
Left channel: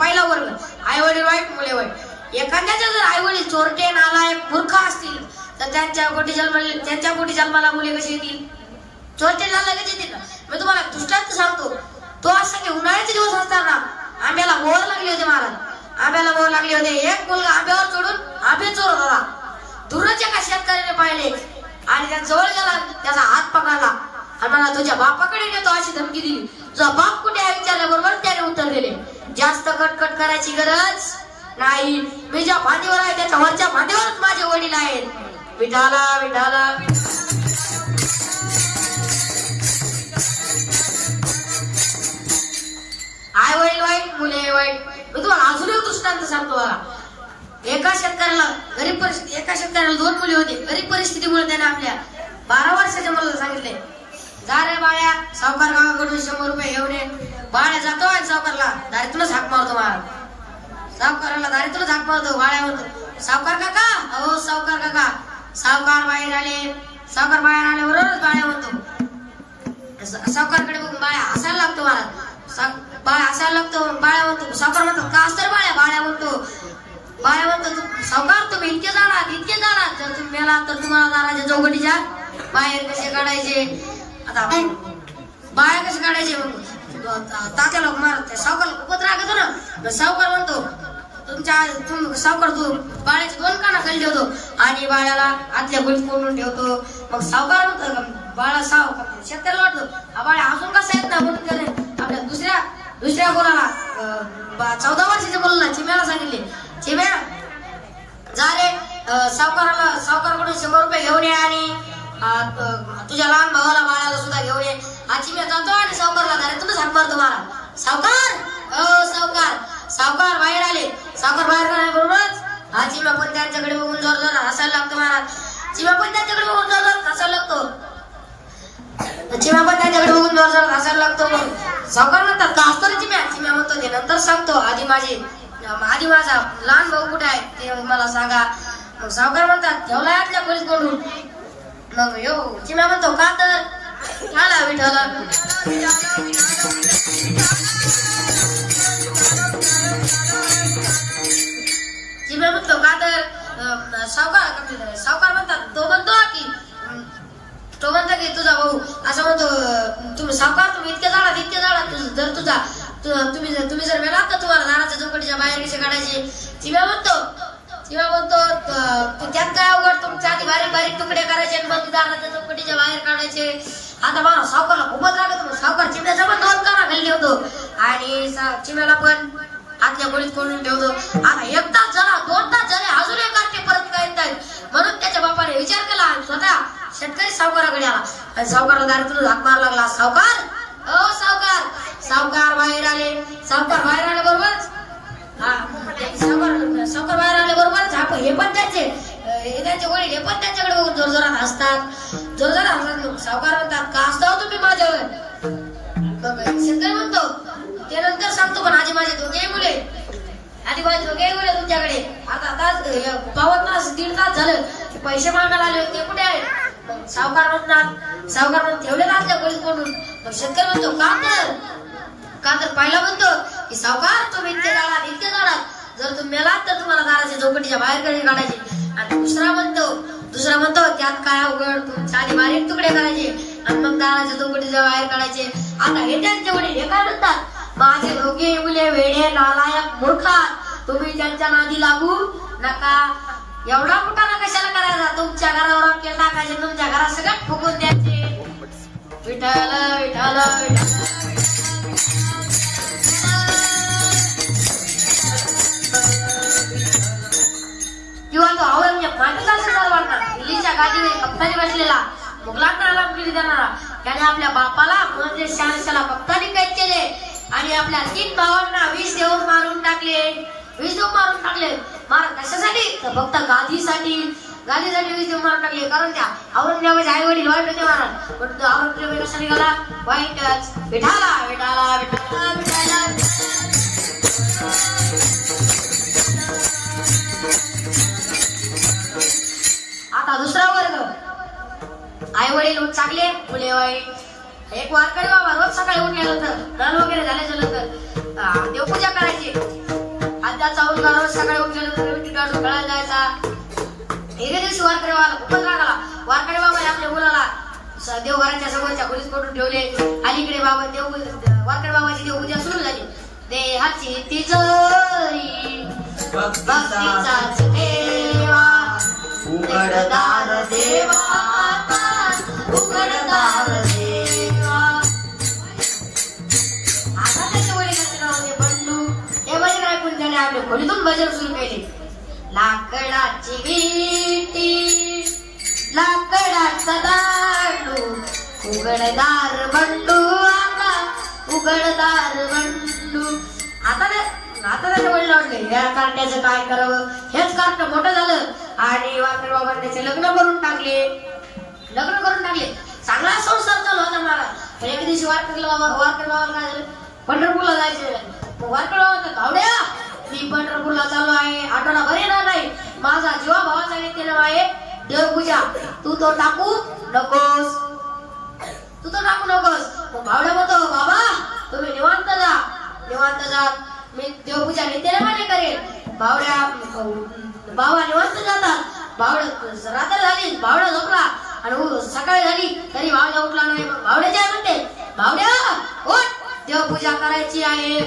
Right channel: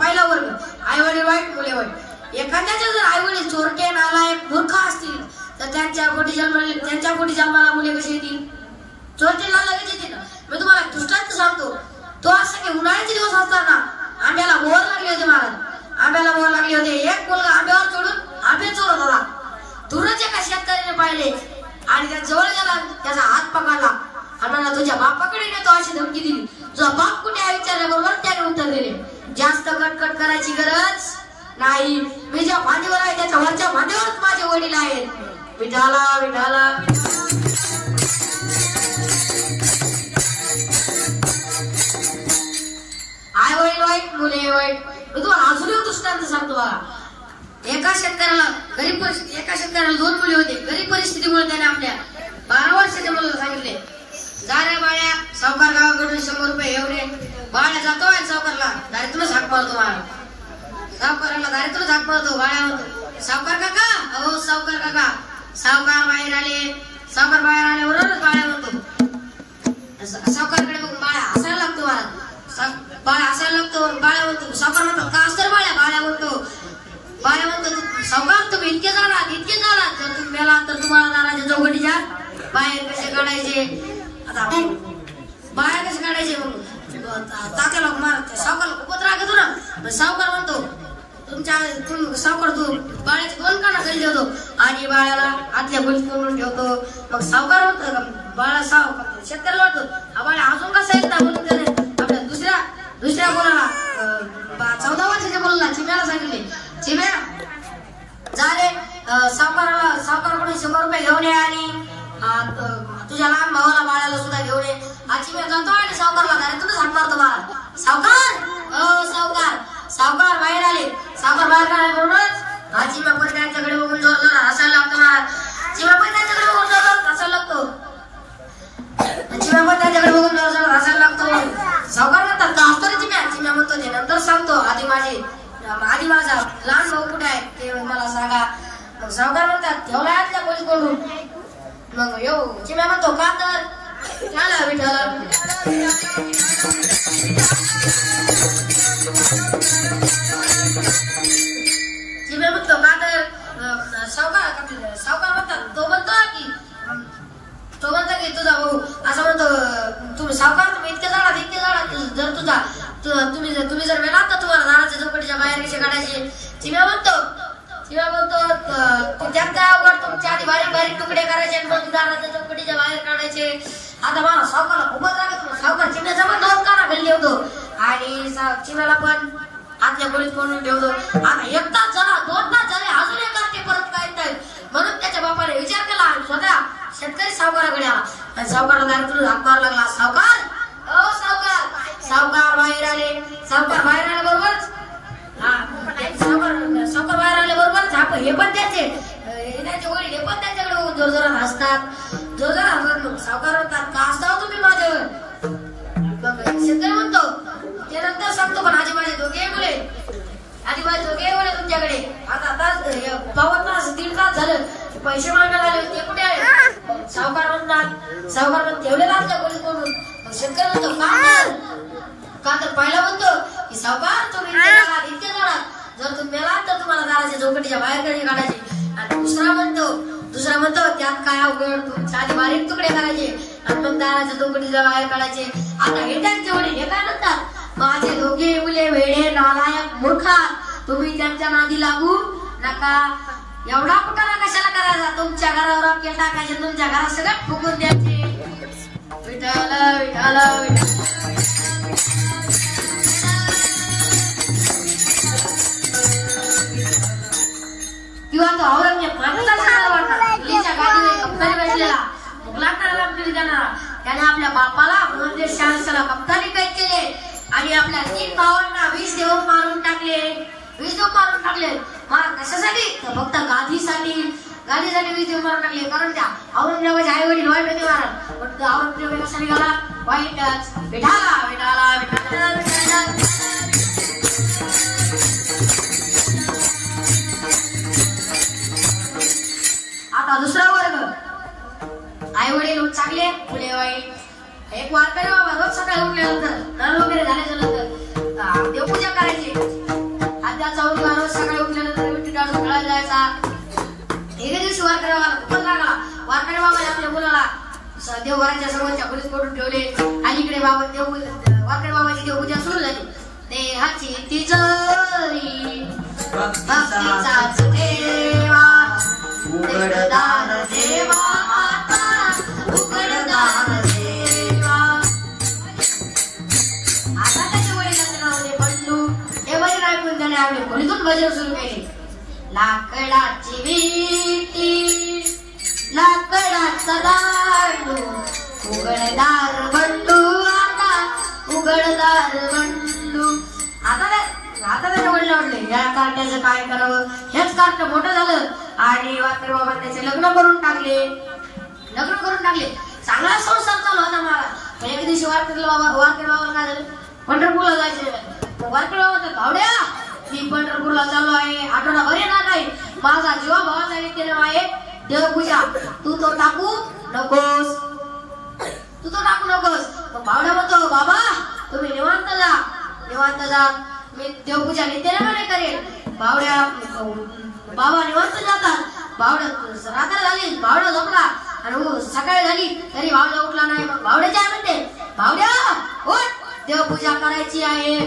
पहिला वर्ग आई वडील वाईट मुले वाईट. एखाद्याचे जर आई वडील चोरटे नालायक मूर्ख असतील तर त्यांच्या पोटी जन्माला मुले कशी येतील? चोरटेला लगेच येतील. मी तुम्हाला दृष्टांत सांगतो. तो असं की उन्हाळ्याचे दिवस असताना आंब्याला मोहर लागली होती महाराज. आंब्याला मोहर लागली होती. एक मुलगा आंब्यावर चढून आंबे चोरत होता. दूरच एका शेतकऱ्याने पाहिले आणि त्या जवळ गेला. त्याचा हात पकडला आणि म्हणा तुझ्या बापाकडे नेतो अशी धमकी दिली. तुझा बाप कुठे आहे विचारल्याबरोबर त्याने उत्तर दिले जास्त कटकट करायची गरज नाही. मी ज्या फांदीवर आहे त्याच्या वरच्या फांदीवरच माझे वडील आहेत. विठाला विठाला आई वडील वाईट मुले वाईट. मी तुम्हाला अजून एक दृष्टांत सांगतो बघा. एका शेतकऱ्याला 2 मुली होते. गरीब परिस्थितीमुळे त्याने आपल्या 12 वर्षाच्या मुलाला सांगितले जा रे बाळ्या सावकार गावाकडून 100 रुपये घेऊन ये. बाळ्या जातो आणि सावकारला दारीतूनच हाक मारतो. सावकाराला दारीतूनच हाक मारतो. बाळ्या म्हणतो सावकार काका. अहो सावकार काका. सावकार बाहेर आले. सावकार बाहेर आल्याबरोबरच बाळ्या म्हणतो सावकारकडे बघून बाळ्या हसायला लागतो. बाळ्या हसायला लागतो. बाळ्या म्हणतो सावकार म्हणतो का असतं बाळ्या? बाळ्या म्हणतो सावकार तुम्ही इतके जाणार जर तुम्ही मेला तर तुम्हाला दाराच्या चौकटीच्या बाहेर कसे काढायचे? बाया कशी काढायची मग तात्याला मारते सावकारला खूपच राग येतो ना. सावकार म्हणतो सावकार तू बाळ्याचे 2 काना खाली ठेवतो आणि बाळ्याला आतल्या खोलीत कोंडून ठेवतो. मग सावकार म्हणतो बाळा शेतकऱ्याला वाटतो हा बाळ्या अजून कसा येत ना म्हणून त्याने आपल्या दुसऱ्या मुलाला 14 वर्षाच्या मुलाला चिम्याला सांगितले चिम्या जा रे सावकाराकडून 100 रुपये घेऊन ये आणि तुझ्या लहान भावाला बाळाला सुद्धा घेऊन ये. हा चिम्या जातो आणि सावकारला तुम्ही हात मारतो मला. सावकार बाहेर आले. सावकार बाहेर आल्याबरोबरच हा चिम्या पण त्यांच्याकडे बघून जोर जोर हसायला लागतो महाराज. चिम्या पण त्यांच्याकडे बघून जोर जोर हसायला लागतो. सावकार म्हणतात का असतो रे चिम्या. चिम्या म्हणतो ते नंतर सांगतो आधी माझा लहान भाऊ कुठे आहे ते मला सांगा. सावकार म्हणतात ठेवला आतल्या खोलीत कोंडून. मग चिम्या म्हणतो का तर मला विठ्ठल चिम्या म्हणतो का तर सावकार म्हणतात तो म्हणतो की तुझा भाऊ असं म्हणतो तुम्ही सावकार तुम्ही इतके जाणार जर तुम्ही जर वेळात तर तुम्हाला दाराच्या चौकटीच्या बाहेर कशी काढायची. चिम्या म्हणतो त्यात काय अवघड तुमच्या आधी बारीक तुकडे करायचे आणि मग दाराच्या चौकटीच्या बाहेर काढायचे. आता मला सावकारला खूपच राग येतो. सावकार चिमण्याचा पण 2 काना खाली ठेवतो आणि चिमण्याला पण आतल्या खोलीत कोंडून ठेवतो. आता 1 तास झाला 2 तास झाले अजून एक कार्टे परत काय येत आहेत म्हणून त्याच्या बापाने विचार केला आणि स्वतः शेतकरी सावकाराकडे आला आणि सावकाराला दारातून हात मारू लागला. सावकार बाहेर आले. सावकार बाहेर आल्याबरोबरच हे पण त्यांचे वडील हे पण त्यांच्याकडे जोरजोरात हसतात. सावकार म्हणतात का हसताव तुम्ही माझ्यावर. शेतकरी म्हणतो ते नंतर सांगतो पण आधी माझे दोघे मुले तुमच्याकडे आता पावन तास 1.5 तास झालं पैसे मागायला आले होते कुठे आहे. सावकार म्हणतात ठेवले आपल्या खोलीत कोंडून. शेतकरी म्हणतो का तर पहिला म्हणतो की सावकार तुम्ही इतके जाणार जर तुम्ही मेलात तर तुम्हाला दाराच्या चौकटीच्या बाहेर काढायचे. आणि दुसरा म्हणतो त्यात काय अवघड तुमच्या आधी बारीक तुकडे करायचे आणि मग दाराच्या चौकटीच्या बाहेर काढायचे. आता हे त्यांचे वडील हे काय म्हणतात माझे दोघे मुले वेडे नालायक मूर्खा तुम्ही त्यांच्या नादी लागू नका. एवढा कुठाना कशाला करायचा. तुमच्या घरावर केल टाकायचे तुमच्या घरात सगळ्यात फुकून द्यायचे. विठ्ठल विठ्ठल किंवा तो औरंगजेब माणसाला वाटणार दिल्लीच्या गादीवर कप्तानी बसलेला मुघलांना पिढी देणारा त्याने आपल्या बापाला म्हणजे शहानशाला कप्तानी कैद केले आणि आपल्या 3 भावांना 20 देऊन मारून टाकले. कशासाठी तर फक्त गादीसाठी 20 देऊन मारून टाकले. कारण त्या औरंगजेबाचे आई वडील वाईट होते महाराज. औरंगजेब कसा निघाला वाईटच. विठाला विठाला विठाला विठाला. आता दुसरा वर्ग आई वडील चांगले मुले वाईट. एक वारकरी बाबा रोज सकाळी उठल्यानंतर नळ वगैरे झाल्यानंतर देवपूजा करायची. आद्याचा उरगा रोज सकाळी उठल्यानंतर विठी काढून खेळायला जायचा. एके दिवशी वारकरी बाबाला खूपच राग आला. वारकरी बाबा आपल्या मुलाला देवघराच्या समोरच्या खोलीत करून ठेवले. अलीकडे वारकरी बाबाची देवपूजा सुरू झाली. देहाची तिजोरी भक्तीचाच देवा उघडदार देवा उघडदार देवा. आता त्याच्या वडिलांचे नाव बंधू हे वडील ऐकून त्याने आपल्या खोलीतून भजन सुरू केले. लाकडाची विटी लाकडाचा दांडू उघडदार बंडू उघडदार बंडू. आता त्याच्या वडील वाटले या कार्ट्याचं काय करावं. हेच कार्ट मोठं झालं आणि वारकरी बाबांनी त्याचे लग्न करून टाकले. चांगला संसार चालू होता महाराज. एक दिवशी वारकरी बाबाला काय झालं पंढरपूरला जायचे. वारकरी बाबा म्हणतात आवड्या मी पंढरपूरला चालू आहे आठवडाभर येणार नाही. माझा जीवा भावाचा नित्य आहे देवपूजा. तू तो टाकू नकोस. तो भावड्या म्हणतो बाबा तुम्ही निवांत जा मी देवपूजा नित्यनेमाने करेल. बाबा निवांत जातात. रात्र झाली बावडा झोपला आणि सकाळी झाली तरी भावड्या उठला नाही. मग भावड्या काय म्हणते, भावड्या उठ, देवपूजा करायची आहे.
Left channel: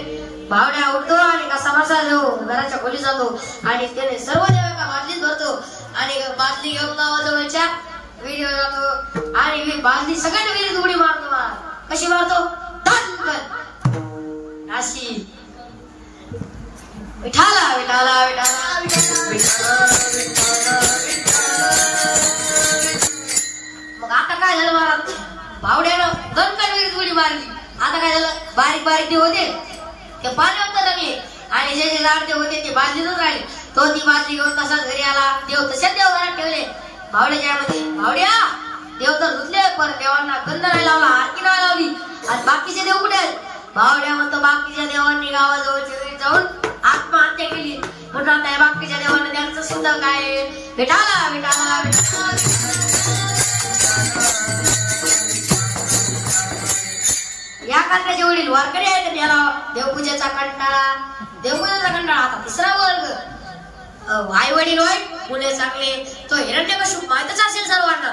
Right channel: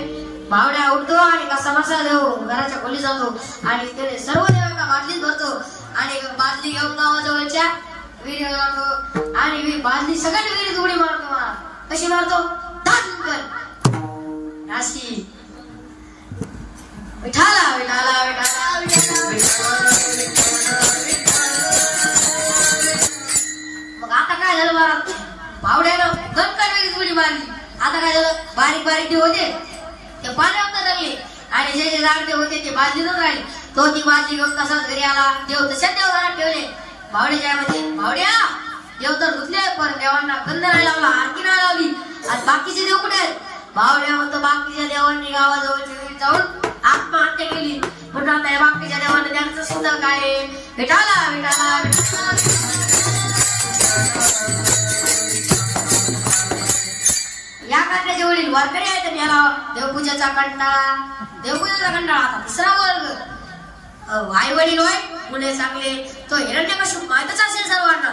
भावड्या उठतो आणि कसा बसा देव घराच्या खोली जातो आणि त्याने सर्व देव एका बादलीत भरतो आणि बादली घेऊन गावाजवळच्या विहिरीवर जातो आणि बादली सगळ्यात विहिरीत उडी मारतो. कशी मारतो, अशी. विठाला विठाला विठाला मग आता काय झालं महाराज, भावड्यानं गणकन विहिरीत उडी मारली. आता काय झालं, बारीक बारीक देव होते ते पाण्यात लागले आणि जे जे झाड होते ते बादलीतून राहिले. तो ती बादली घेऊन तसाच घरी आला. देव तशाच देव घरात ठेवले. भावड्याच्या मध्ये, भावड्या देव तर धुतले पण देवांना गंध नाही लावला, आरती नाही लावली आणि बाकीचे देव कुठे आहेत. भावड्या म्हणतो बाकीच्या देवांनी गावाजवळच्या जाऊन आत्महत्या केली. म्हणून आता बाकीच्या देवांना त्यांचं सुद्धा काय, विठाला विठाला या काकाचे वडील वारकरी आहेत आणि याला देवपूजेचा कंटाळा. देवपूजेचा कंटाळा. आता तिसरा वर्ग, आई वडील वाईट, मुले चांगले. तो हिरण्यकश्यप माहितच असेल सर्वांना,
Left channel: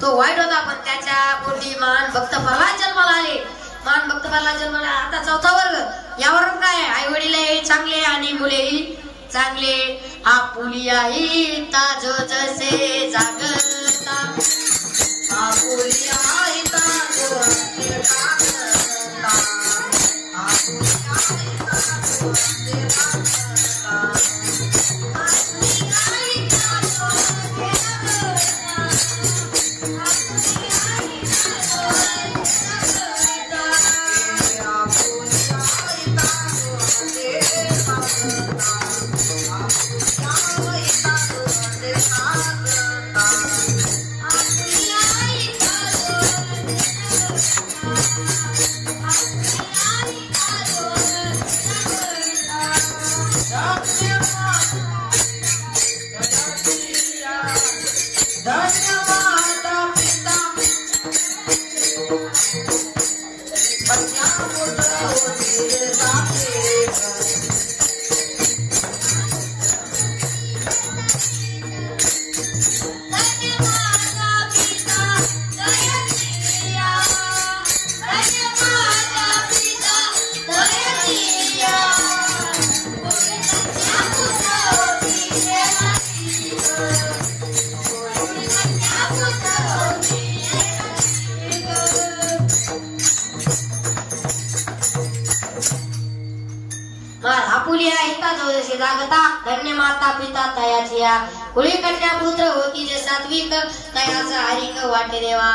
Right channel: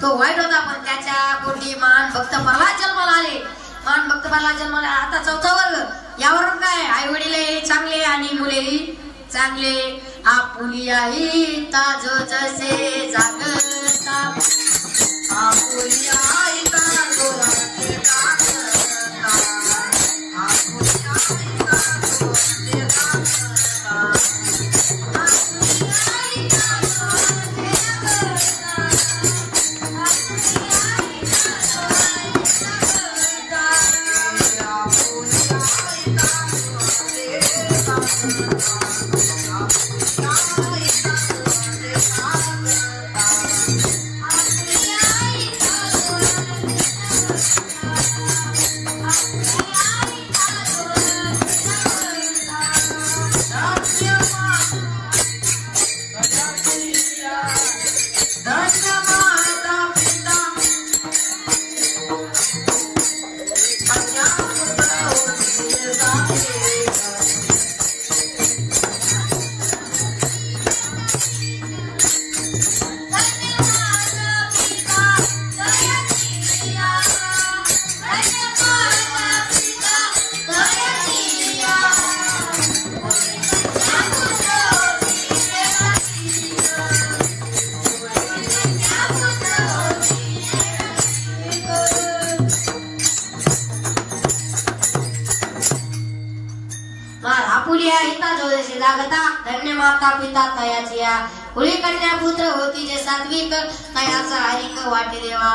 तो वाईट होता पण त्याच्या पोटी मान भक्त प्रल्हाद जन्माला आले. मान भक्त प्रल्हाद जन्माला. आता चौथा वर्ग, यावर काय, आई वडील चांगले आणि मुलेही चांगले. आपुलिया ताज जसे जागता, आपुलिया धन्य माता पिता तयाचिया, कुळी कन्या पुत्र होती जे सात्विक तयाचा हरिक वाटे देवा.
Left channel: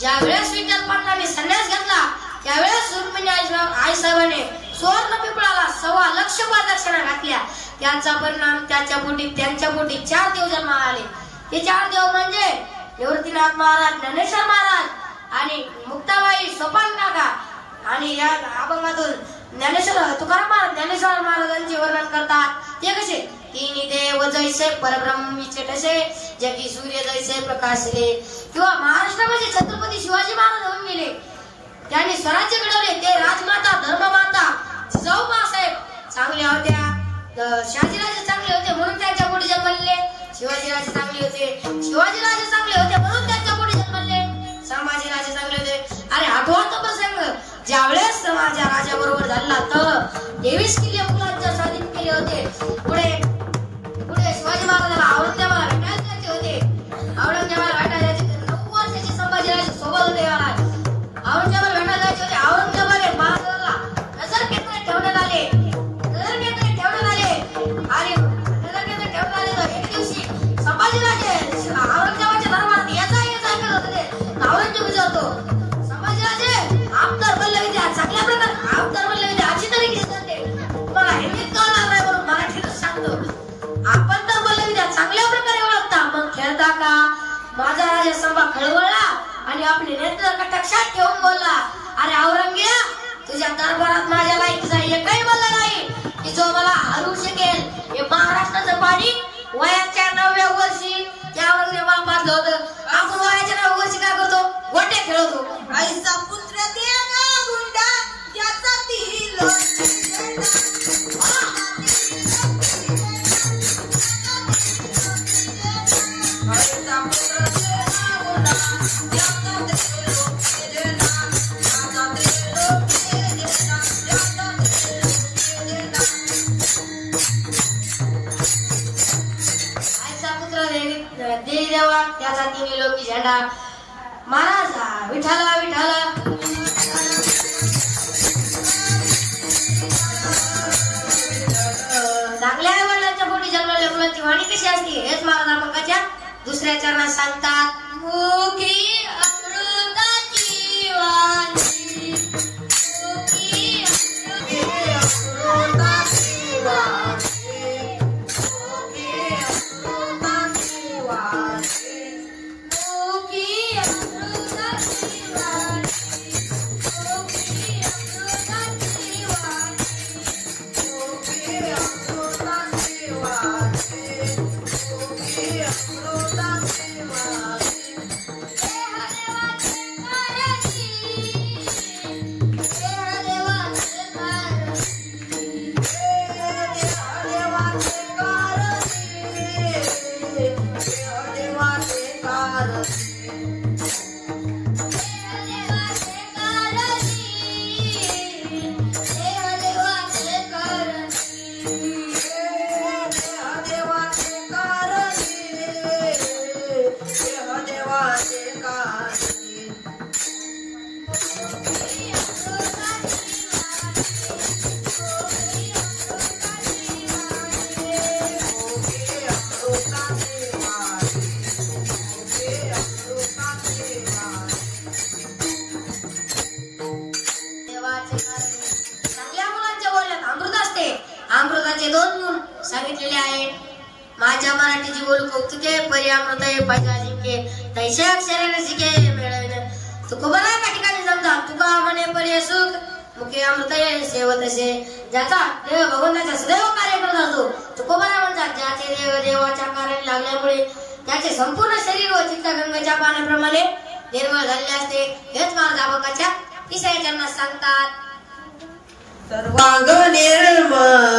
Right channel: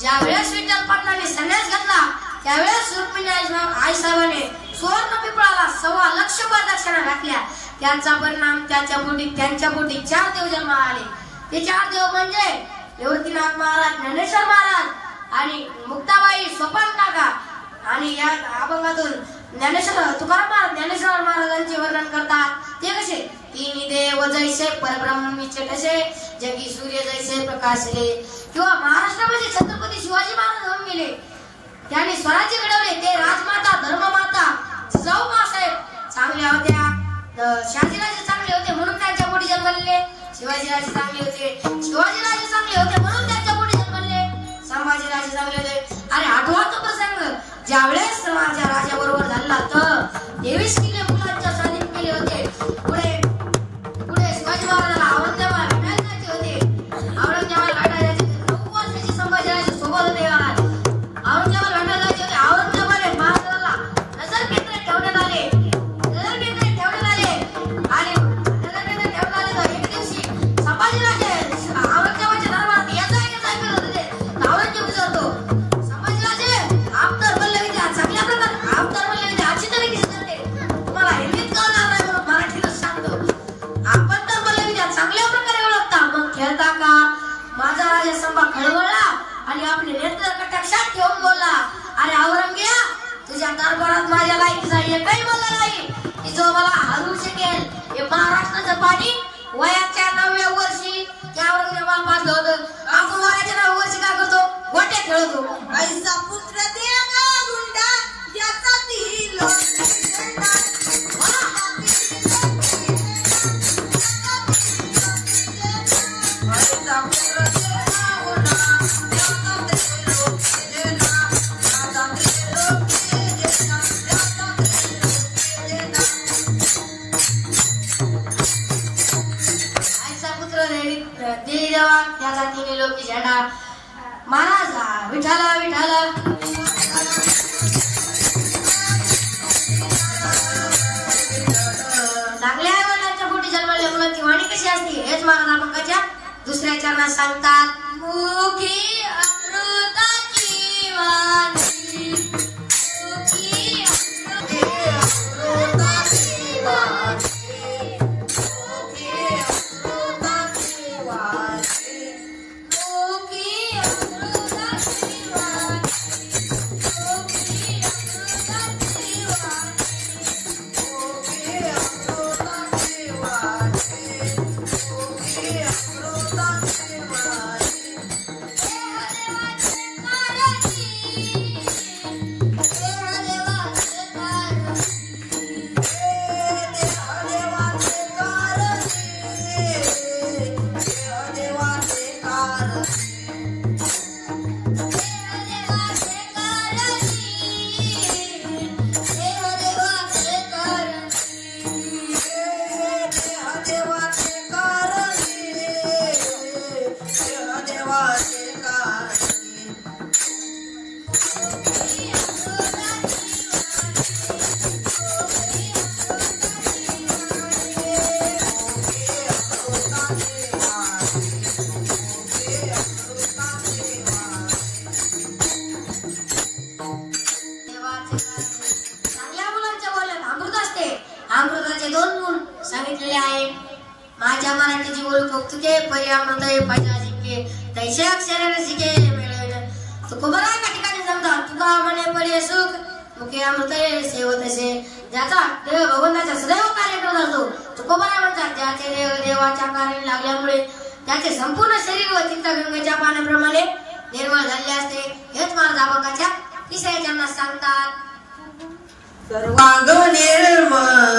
ज्या वेळेस विठ्ठल पंतांनी संन्यास घेतला त्यावेळेस रुक्मिणी आई साहेबांनी सुवर्ण पिपळाला 1.25 लाख प्रदक्षिणा घातल्या. त्यांचा परिणाम त्यांच्या पोटी 4 देव जन्माला आले. ते 4 देव म्हणजे निवृत्तीनाथ महाराज, ज्ञानेश्वर महाराज आणि मुक्ताबाई सोपान काका. आणि या अभंगातून ज्ञानेश्वर तुकाराम महाराज ज्ञानेश्वर महाराजांचे वर्णन करतात. ते कसे, तिन्ही देव जैसे परब्रह्मीचे ठसे, जगी सूर्य जैसे प्रकाशले. किंवा महाराष्ट्रामध्ये छत्रपती शिवाजी महाराज होऊन गेले. त्यांनी स्वराज्य घडवले. ते राजमाता धर्ममाता जिजाऊबासाहेब चांगल्या होत्या. शहाजीराजे चांगले होते म्हणून त्यांच्या पोटी जन्मले. शिवाजीराजे चांगले होते, शिवाजीराजे चांगले होते म्हणून त्यांच्या पोटी जन्मले. संभाजीराजे चांगले होते. आणि आठवा तो प्रसंग ज्यावेळेस माझ्या राजाबरोबर झाला तर 23 किल्ले मुलांच्या स्वाधीन केले होते. पुढे शिवाजी महाराजाला औरंगजेबाला भेटायचे होते. औरंगजेबाला भेटायचे 9 वर्षाचे संभाजीराजे सोबत होते. औरंगजेबाला भेटायचे होते. औरंगजेबाने महाराजाला नजर केंद्रात ठेवण्यात आले. आणि एक दिवशी संभाजीराजे औरंगजेबाच्या दरबारात याचा करत होते. औरंगजेब विचारतो, संभाजीराजे आप तर बोलले विद्या चांगल्या प्रकारे आप तर बोलले विद्या अशी तरीके करते, तुम्हाला हिंदीत कळणार नाही म्हणून मराठीतच सांगतो. आपण तर बोलले विद्या चांगल्या प्रकारे ओळखता, मग खेळता का? माझा राजा संभा खळवळला आणि आपले नेत्र कटाक्षात ठेवून बोलला, अरे औरंगजेब, तुझ्या दरबारात माझ्या लायकीचा एकही बोलला नाही की जो मला हरवू शकेल. हे महाराष्ट्राचं पाणी वयाच्या 9व्या वर्षी त्या औरंगजेबाला पाजलं होतं. आपण वयाच्या 9व्या वर्षी काय करतो? गोटे खेळतो. ऐसा पुत्र देगा गुंडा ज्याचा ती लोक ऐसा पुत्र देगा गुंडा महाराजाच्या दुसऱ्या चरणात सांगतात मुखी अमृताची वाणी मुखी अमृताची वाणी मुखी अमृताची अमृताचे दोन गुण सांगितलेले आहे. माझ्या मराठीची बोल कौतुके परी अमृत पाहिजे जिंके तैसे अक्षरे रसिके मिळेल तुकोबरा एका ठिकाणी जमतात तुका म्हणे परी सुख मुखे अमृत सेवतसे ज्याचा देव भगवंताचा सदैव कार्य करत असतो तुकोबरा म्हणतात ज्याचे देव देवाच्या कार्याला लागल्यामुळे त्याचे संपूर्ण शरीर व चित्त गंगेच्या पाण्याप्रमाणे निर्मळ झाले असते. हेच महाराजाच्या तिसऱ्या चरणात सांगतात सर्वांग निर्मळ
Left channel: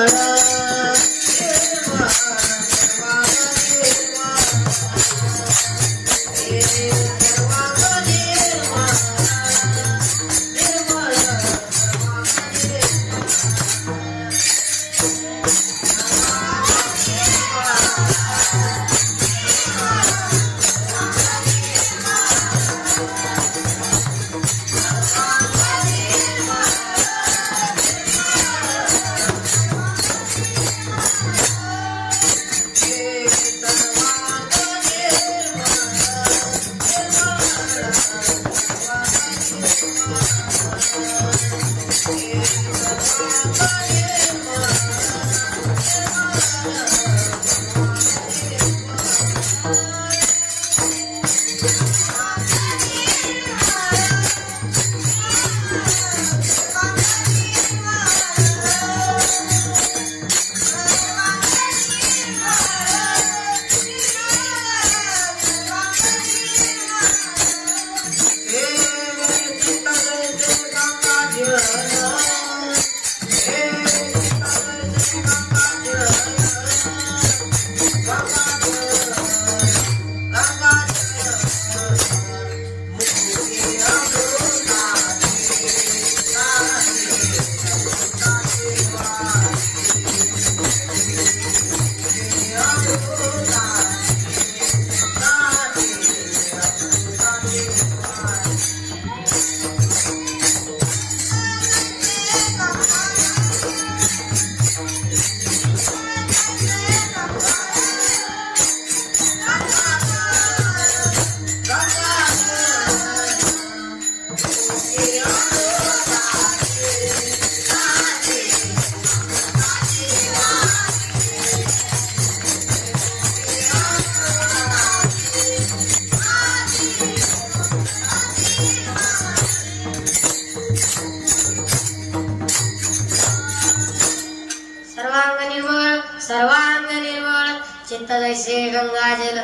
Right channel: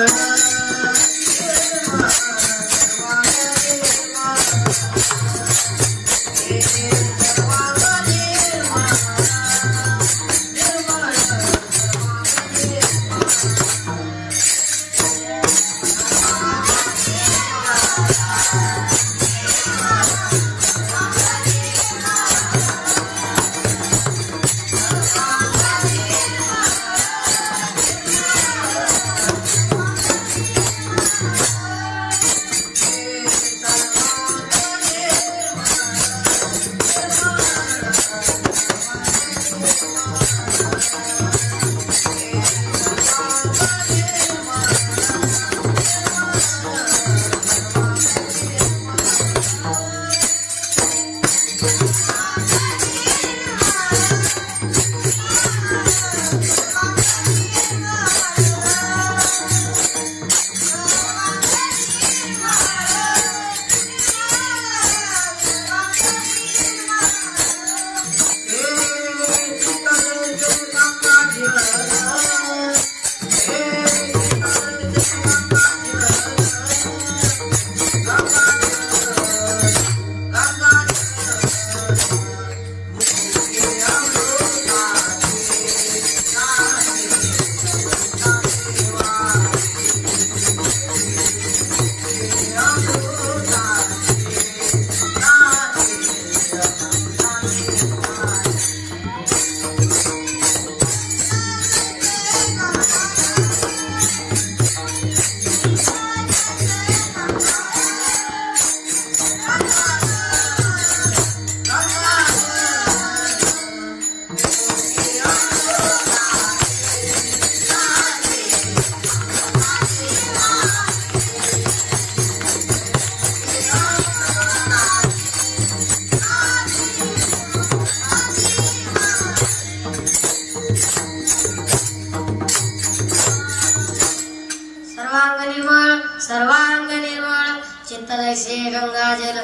सर्वांग निर्मळ चित्त जैसे गंगाजल.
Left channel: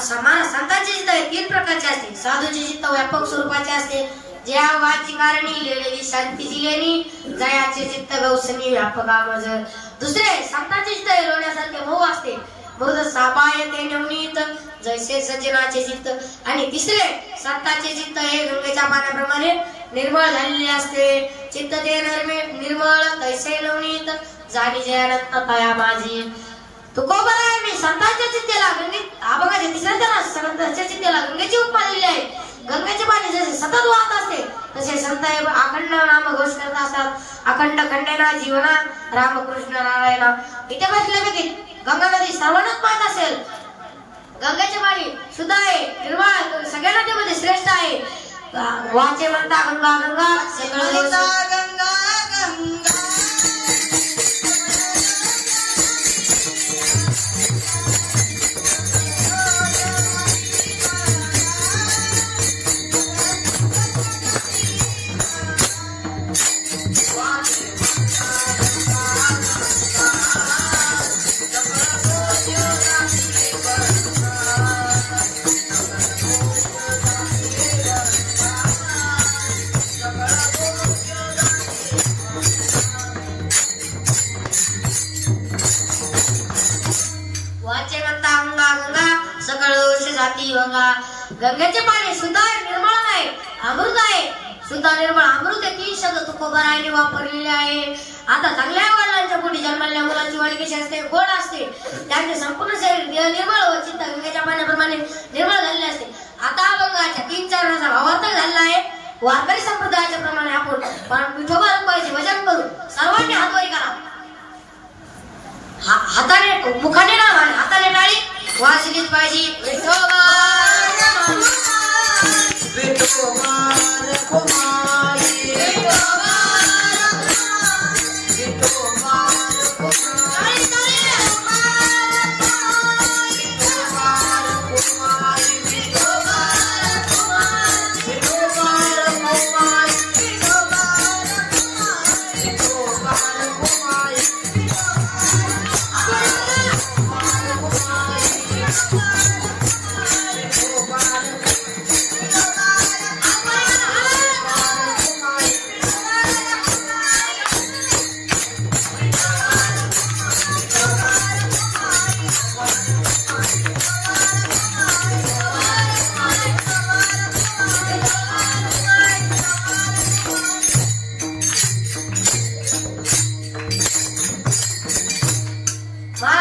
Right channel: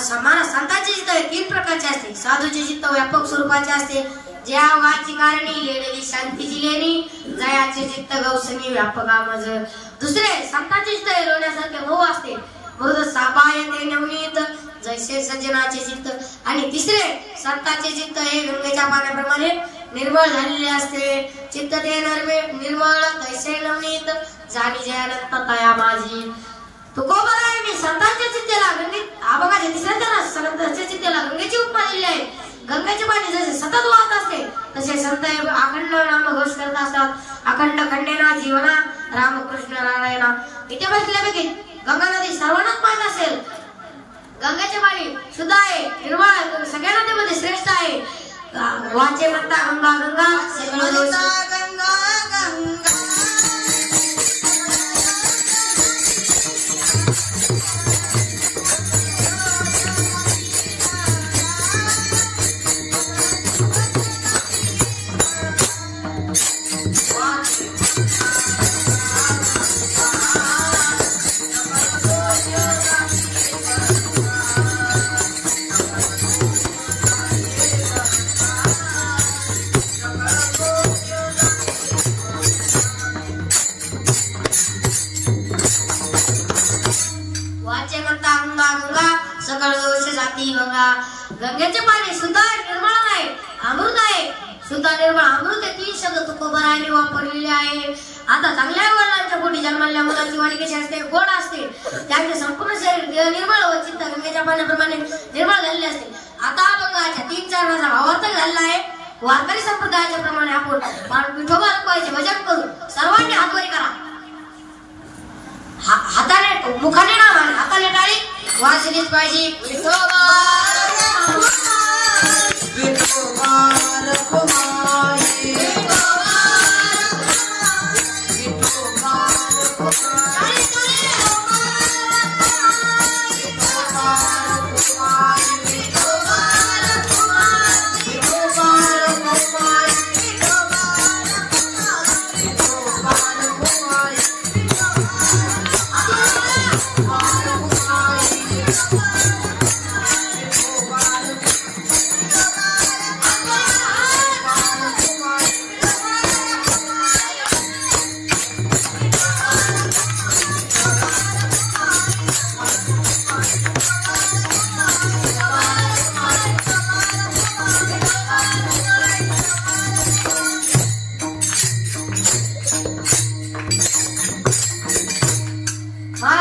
समान संतांचे चित्त तीन प्रकारचे असते. साधूचे चित्त व्यापक स्वरूपाचे असते ज्या वाची कारणी लेलेली शांतीची लेणी जयाचे चित्त गौसनी व्यापकामज. दुसरे संतांचे चित्त एरवण्यासारखे मोह असते मृद सापाय ते नवनीत जैसे सज्जनाचे चित्त. आणि तिसरे संतांचे चित्त हे गंगेच्या पाण्याप्रमाणे निर्मळ झालेले असते. चित्त ते निर्मळ तैसे नवनीत जाणी जयानंत तया माझी. तुकोबरायांनी संतांच्या चित्तेला गंगेत आभगाच्या तिसऱ्या चरणात संतांच्या चित्तेला गंगेची उपमा दिली आहे. गंगेचे पाणी जसे सतत वाहत असते तसे संत अखंड नाम घोष करत असतात. अखंड खंडेना जीवना रामकृष्ण नारायणा. इथे बसल्यापैकी गंगा नदी सर्वांनाच माहित असेल गंगाचे पाणी शुद्ध आहे, निर्मळ आहे, सगळ्या नदीमध्ये श्रेष्ठ आहे. वाचे म्हणता गंगा गंगा सगळं गंगा गंगा गंगेचे पाणी शुद्ध आहे, निर्मळ आहे, अमृत आहे. शुद्ध निर्मळ अमृत हे 3 शब्द तुकोबरायने वापरलेले आहे. आता चांगल्या वडिलांच्या पोटी जन्मलेल्या मुलांची वाणी कशी असते, गोड असते. त्यांचे संपूर्ण शरीर निर्मळ व चित्त गंगेच्या पाण्याप्रमाणे निर्मळ झालेले असते. आता अभंगाच्या 3 चरणाचा भावार्थ झालेला आहे. वारकरी संप्रदायाच्या प्रमाणे आपण विठोबा रखवायचे भजन करू. सर्वांनी हातवरी करा. हाताने मुखाने ना आणि हाताने टाळी वाजलीच पाहिजे. विठोबा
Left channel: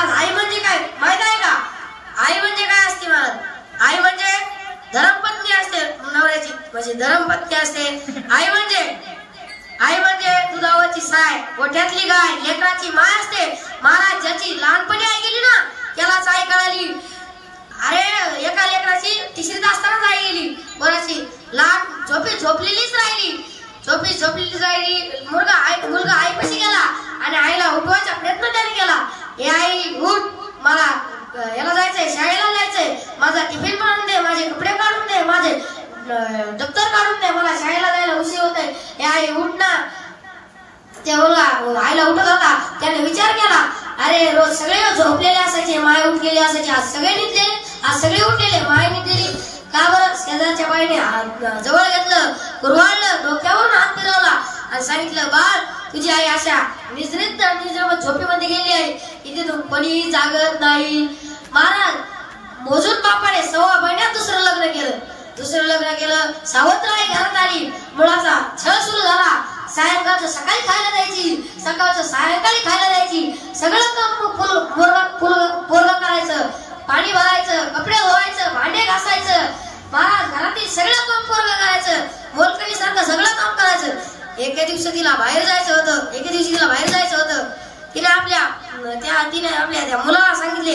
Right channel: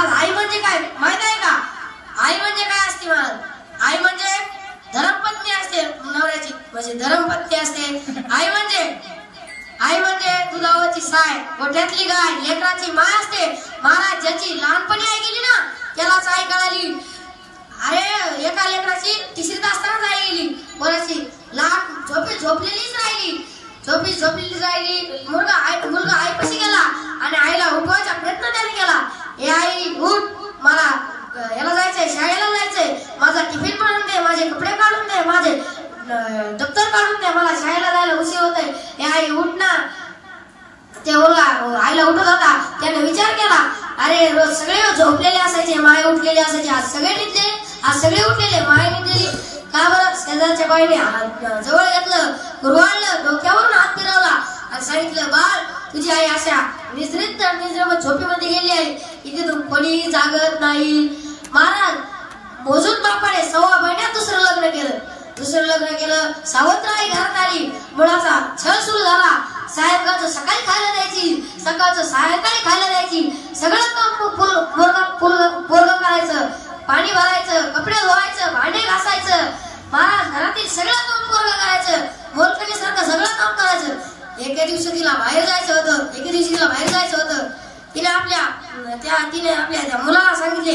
आई म्हणजे काय माहित आहे का? आई म्हणजे काय असते महाराज? आई म्हणजे धर्मपत्नी असते नवऱ्याची, म्हणजे धर्मपत्नी असते. आई म्हणजे दुधावरची साय, गोठ्यातली गाय, लेकराची माय असते. महाराज ज्याची लहानपणी आई गेली ना त्यालाच आई कळाली. अरे एका लेकराची 3रीत असतानाच आई गेली, बराची लहान झोपलेलीच राहिली. मुलगा आईपाशी गेला आणि आईला उठवायचा प्रयत्न त्याने केला. हे आई उठ, मला याला जायचंय, शाळेला जायचंय, माझा टिफिन बनवून दे, माझे कपडे काढून दे, माझे दप्तर काढून दे, मला शाळेला जायला उशीर होतोय. हे आई उठ ना. ते आईला उठत होता. त्याने विचार केला, अरे रोज सगळे झोपलेले असायचे, माय उठलेले असायचे, आज सगळे निघले, आज सगळे उठलेले, माय निघलेली का बरं? शेजारच्या बाईने जवळ घेतलं, कुरवाळलं, डोक्यावरून हात फिरवला आणि सांगितलं, बाळ तुझी आई अशा निजरीत झोपेमध्ये गेली आहे, इथे तू कोणी जागत नाही. महाराज मोजून बापाने 6 महिन्यात दुसरं लग्न केलं. सावत्राई घरात आली, मुलाचा छळ सुरू झाला. सायंकाळचं सकाळी खायला द्यायची, सकाळचं सायंकाळी खायला द्यायची. सगळं काम पोरगा करायचं, पाणी भरायचं, कपडे धुवायचं, भांडे घासायचं. महाराज घरातील सगळं काम पोरगा करायचं, मोलकणीसारखं सगळं काम करायचं. एके दिवशी तिला बाहेर जायचं होतं. तिने आपल्या त्या मुलाला सांगितले,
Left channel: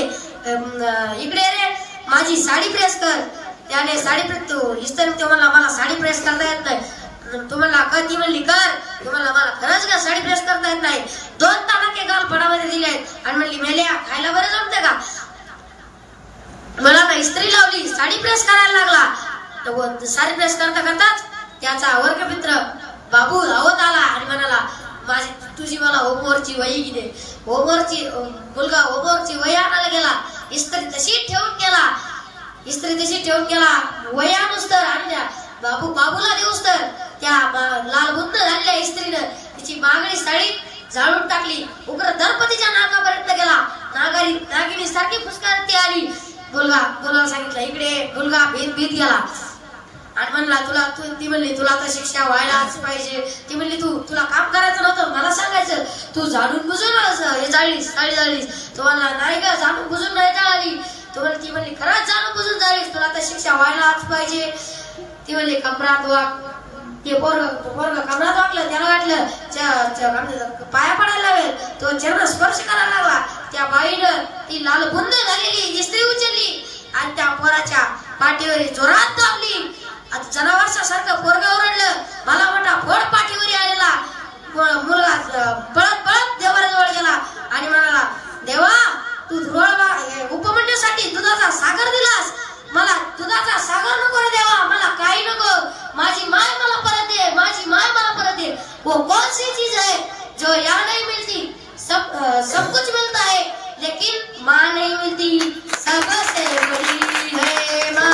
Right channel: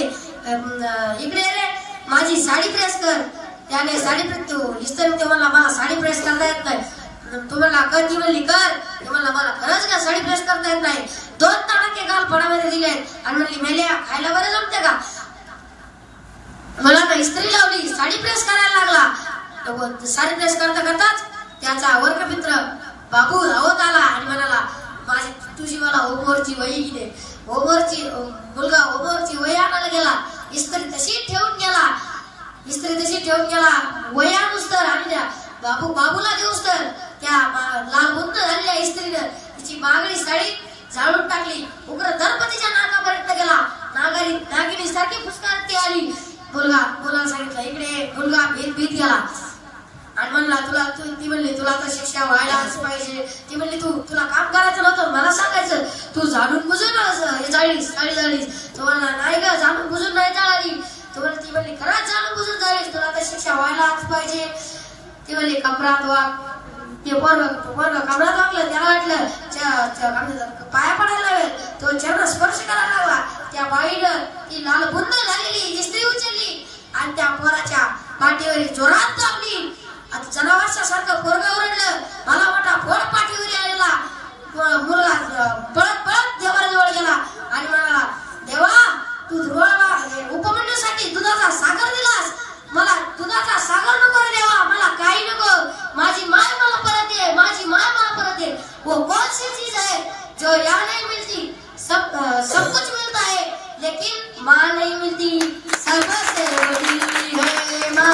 इकडे रे माझी साडी प्रेस कर. त्याने साडी इस्त्री म्हणला, मला साडी प्रेस करता येत नाही. तुम्हाला ती म्हणली कर. तुम्हाला मला खरंच का साडी प्रेस करता येत नाही. 2 तडाखे गाल फडामध्ये दिले आहेत आणि म्हणली, मेल्या खायला बरं जमते का? मला ना इस्त्री लावली, साडी प्रेस करायला लागला. साडी प्रेस करताच त्याचा वर्गमित्र बाबू धावत आला आणि म्हणाला, तुझी मला होमवर्कची वही दे. मुलगा होमवर्कची वही आणायला गेला. इस्त्री तशी ठेवून गेला. वही आणूस तर आणि बाबूला देऊस तर त्या लाल बुंद झालेल्या इस्त्रीनं तिची मागणी साडी जाळून टाकली. उग्र दर्पतीच्या नाकापर्यंत गेला. नागिनी सारखी फुसकारती आली. मुलगा सांगितलं, इकडे. मुलगा भीत गेला आणि म्हणला, ती म्हणली, तुला तर शिक्षा व्हायलाच पाहिजे. ती म्हणली, तुला काम करायचं नव्हतं, मला सांगायचं, तू झाडून बुजून हे जाळीस. तो म्हणला, नाही का, झाडून बुजून नाही जाळली. ती म्हणली, खरंच झाडून बुजून जाळीस, तुला तर शिक्षा व्हायलाच पाहिजे. ती म्हणली, कपडात वाग. ते पोरग कपडात वागलं. त्याला वाटलं पाया पडायला लागेल. तो चरण स्पर्श करायला लागला. त्या बाईनं ती लाल बुंद झालेली इस्त्री उचलली आणि त्या पोराच्या पाठीवर जोरात दाबली. आता जनावरासारखं पोरग ओरडलं. मला मोठा फोड पाठीवर आलेला मुलगा पळत पळत देवाजवळ गेला आणि म्हणाला, देवा तू उपमंडळासाठी दुधाचा सागर दिलास, मला दुधाचा सागर नको रे देवा, मला काही नको, माझी माय मला परत दे, माझी माय मला परत दे. वो कौन सी चीज है जो यहाँ नहीं मिलती? सब कुछ मिलता है लेकिन माँ नहीं मिलती. सबसे बड़ी है माँ,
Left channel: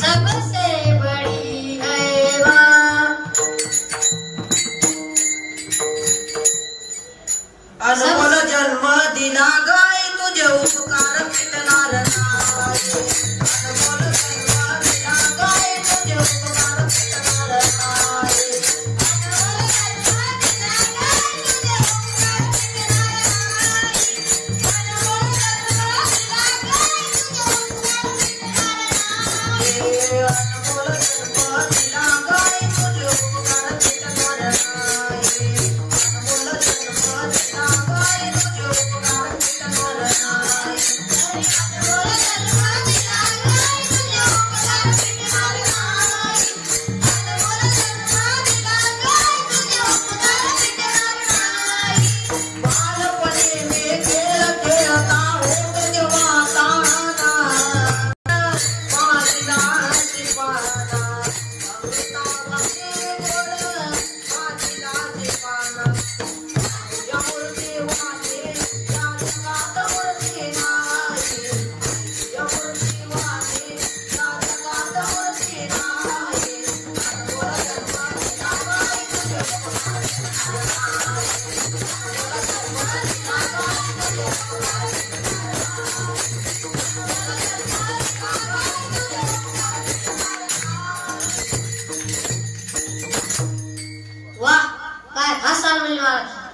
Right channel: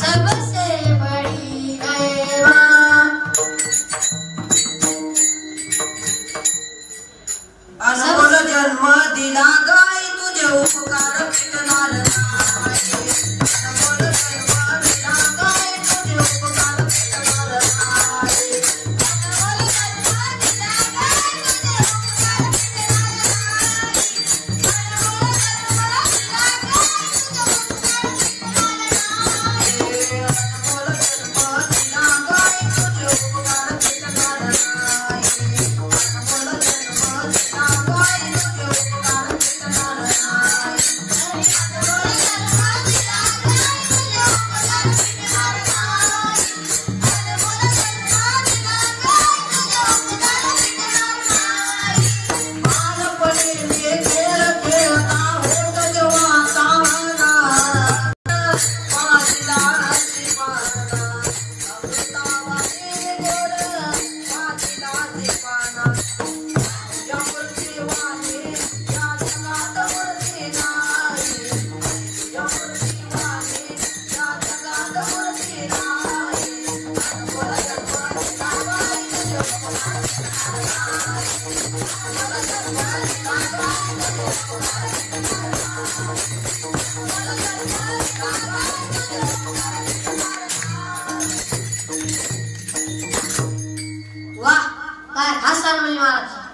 सबसे बड़ी है माँ. अनमोल जन्म दिला गाय तुझे उपकार भेटणार नाही. अनमोल जन्म दिला गाय तुझे उपकार भेटणार नाही.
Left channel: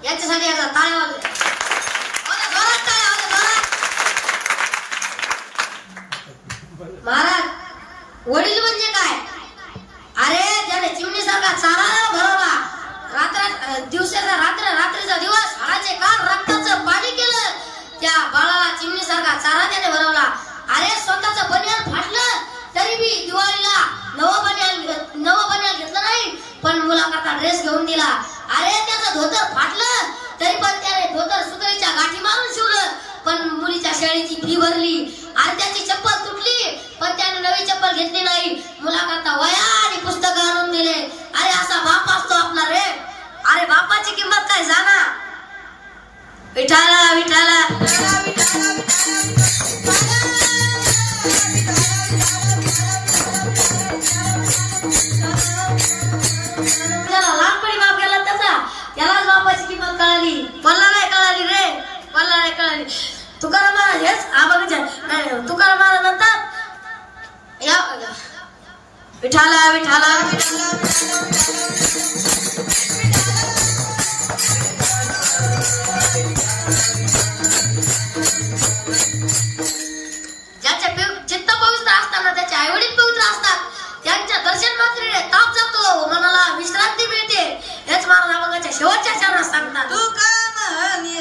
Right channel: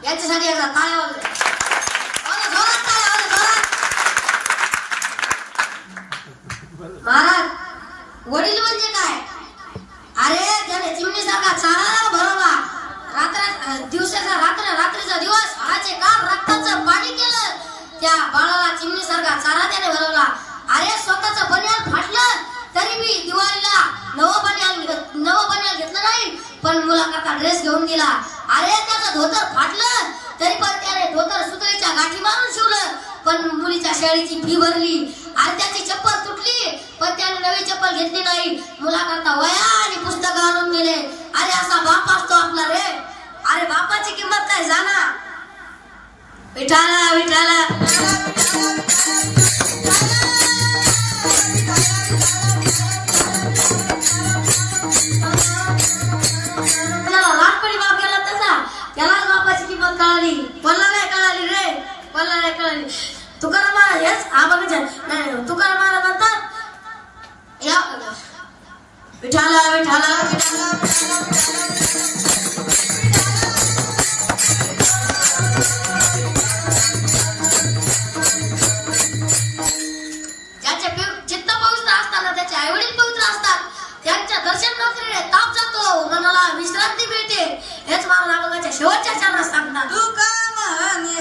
याच्यासाठी असा टाळ्या वाजवा. महाराज, वडील म्हणजे काय? अरे ज्याने चिमणीसारखा चारा भरवला, दिवसाचा रात्र, रात्रीचा दिवस, हाडाचे कान, रक्ताचं पाणी केलं, त्या बाळाला चिमणीसारखा चारा त्याने भरवला. अरे स्वतःचं बनियान फाटलं तरी बी दिवाळीला नवं बनियान घेतलं नाही, पण मुलाकरता ड्रेस घेऊन दिला. अरे त्याचं धोतर फाटलं तरी पण त्याने धोतर सुतळीच्या गाठी मारून शिवलं, पण मुलीच्या शाळेची फी भरली. आणि त्याची चप्पल तुटली पण त्याने नवी चप्पल घेतली नाही, मुलाकरता वह्या आणि पुस्तकं आणून दिले. अरे असा बाप असतो आपला रे. अरे बापाची किंमत काय जाणा. विठाला विठाला लहानपणी बाप गेला त्यालाच बापाची किंमत कळाली. मला नाही कळाली रे, मला नाही कळाली. तुकाराम महाराज हेच आबाच्या तुकाराम महाराज म्हणतात, या विठाला विठाला ज्याच्या चित्त पवित्र असताना त्याचे आई वडील पवित्र असतात, त्यांच्या दर्शन मात्र ताप जातो, मनाला विश्रांती मिळते. हेच महाराजांच्या शेवटच्या चरणात सांगतात. तू काय म्हणे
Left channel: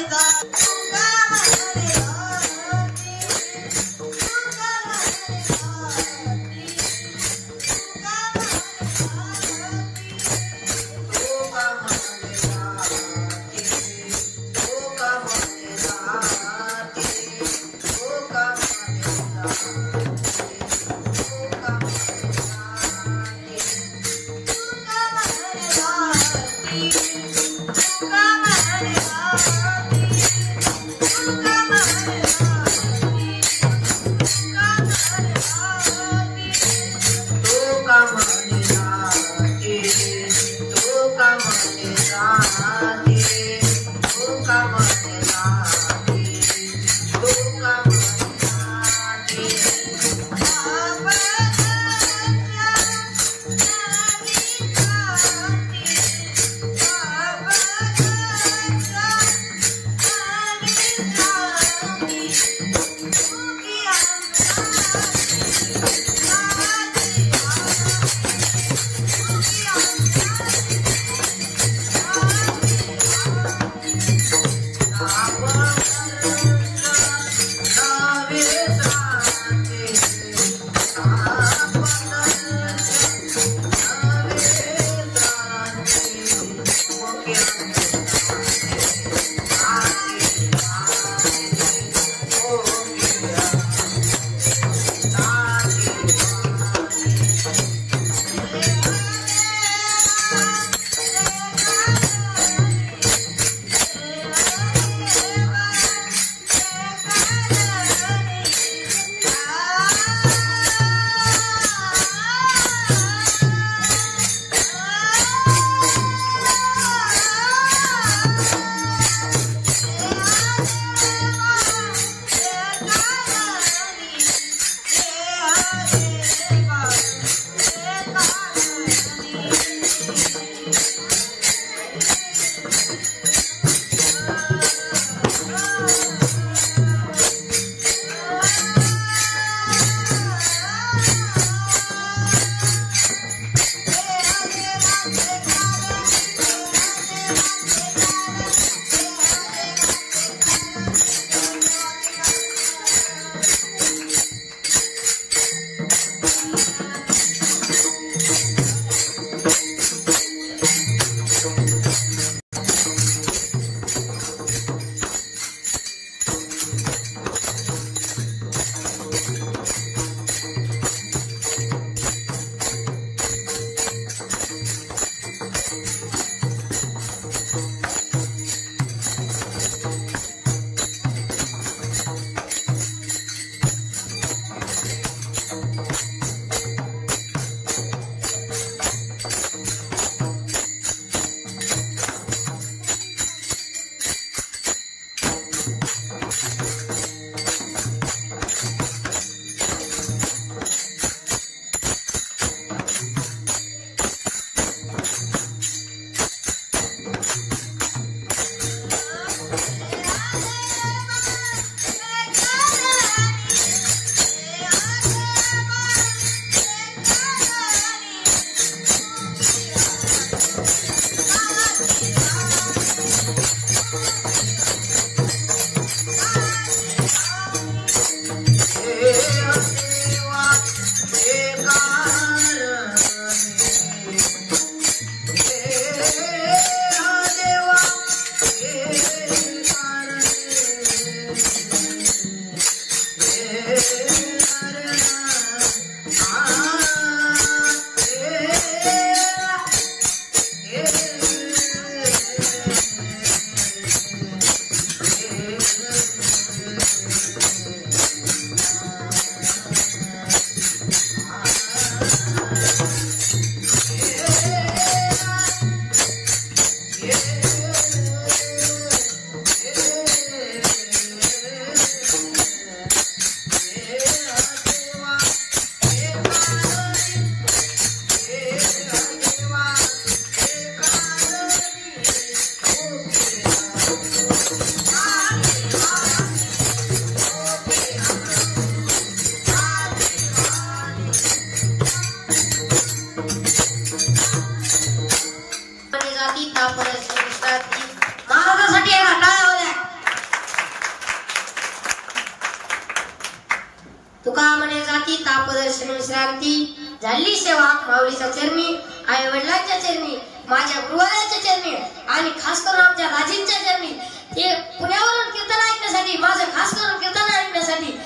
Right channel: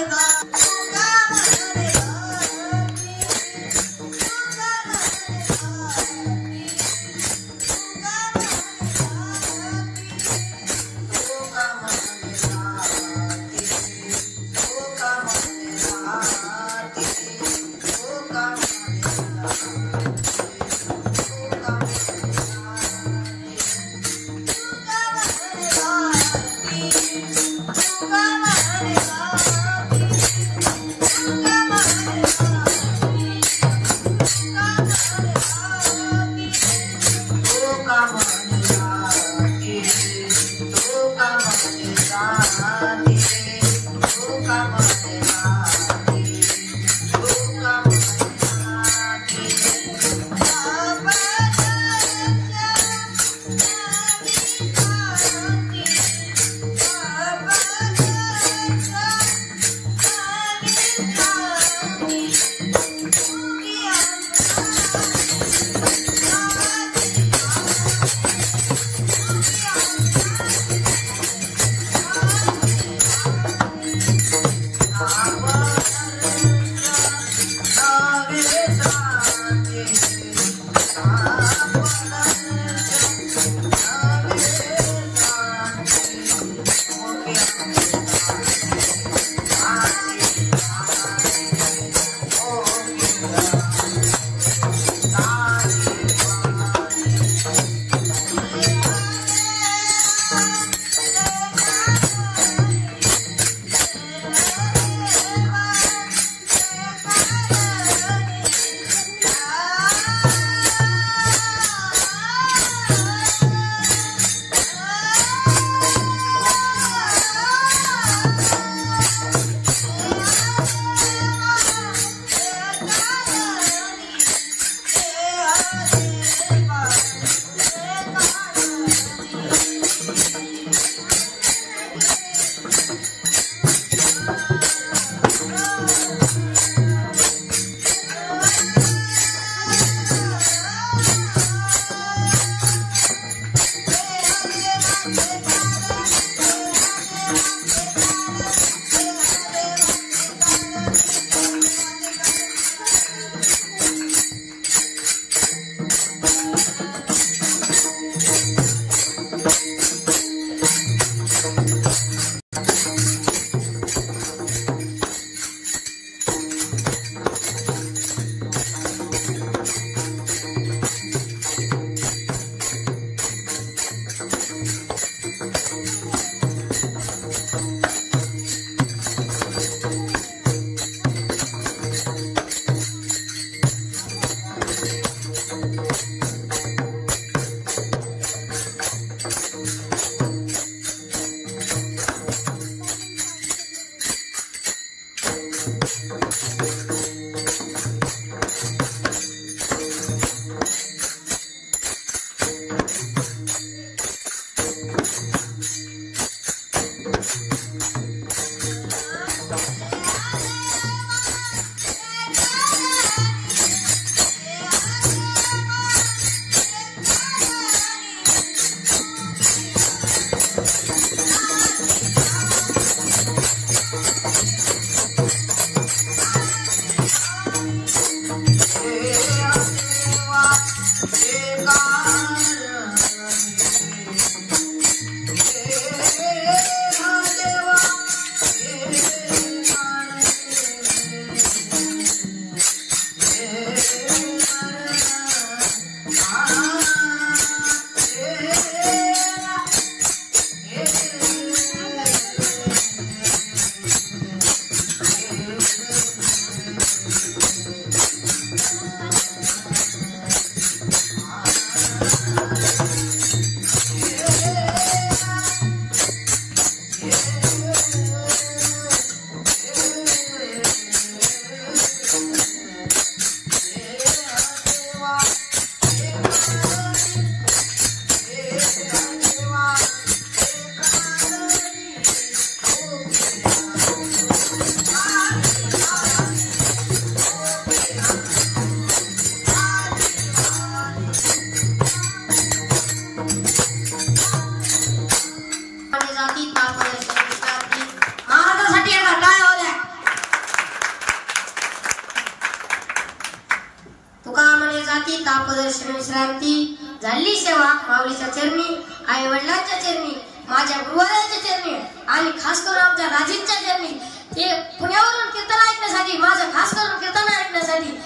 तुका म्हणे जाती तापदर्शन विश्रांती झाली सेवा माऊलीच्या चरणी आई वडिलांच्या चरणी माझ्या गुरुवारांच्या चरणी आणि खास करून आमच्या राजींच्या चरणी ते पुण्यावरून कीर्तन ऐकण्यासाठी माझं खास करून कीर्तन ऐकण्यासाठी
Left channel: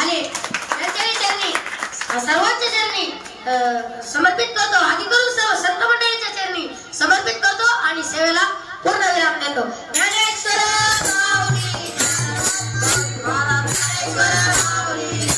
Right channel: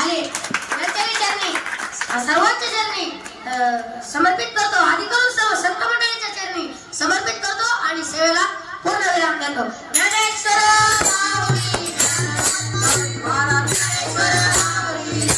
आले त्यांच्याही चरणी सर्वांच्या चरणी समर्पित करतो आधी करून सर्व संत मंडळीच्या चरणी समर्पित करतो आणि सेवेला पूर्ण विराम देतो. ज्ञानेश्वर माऊली ज्ञानेश्वर माऊली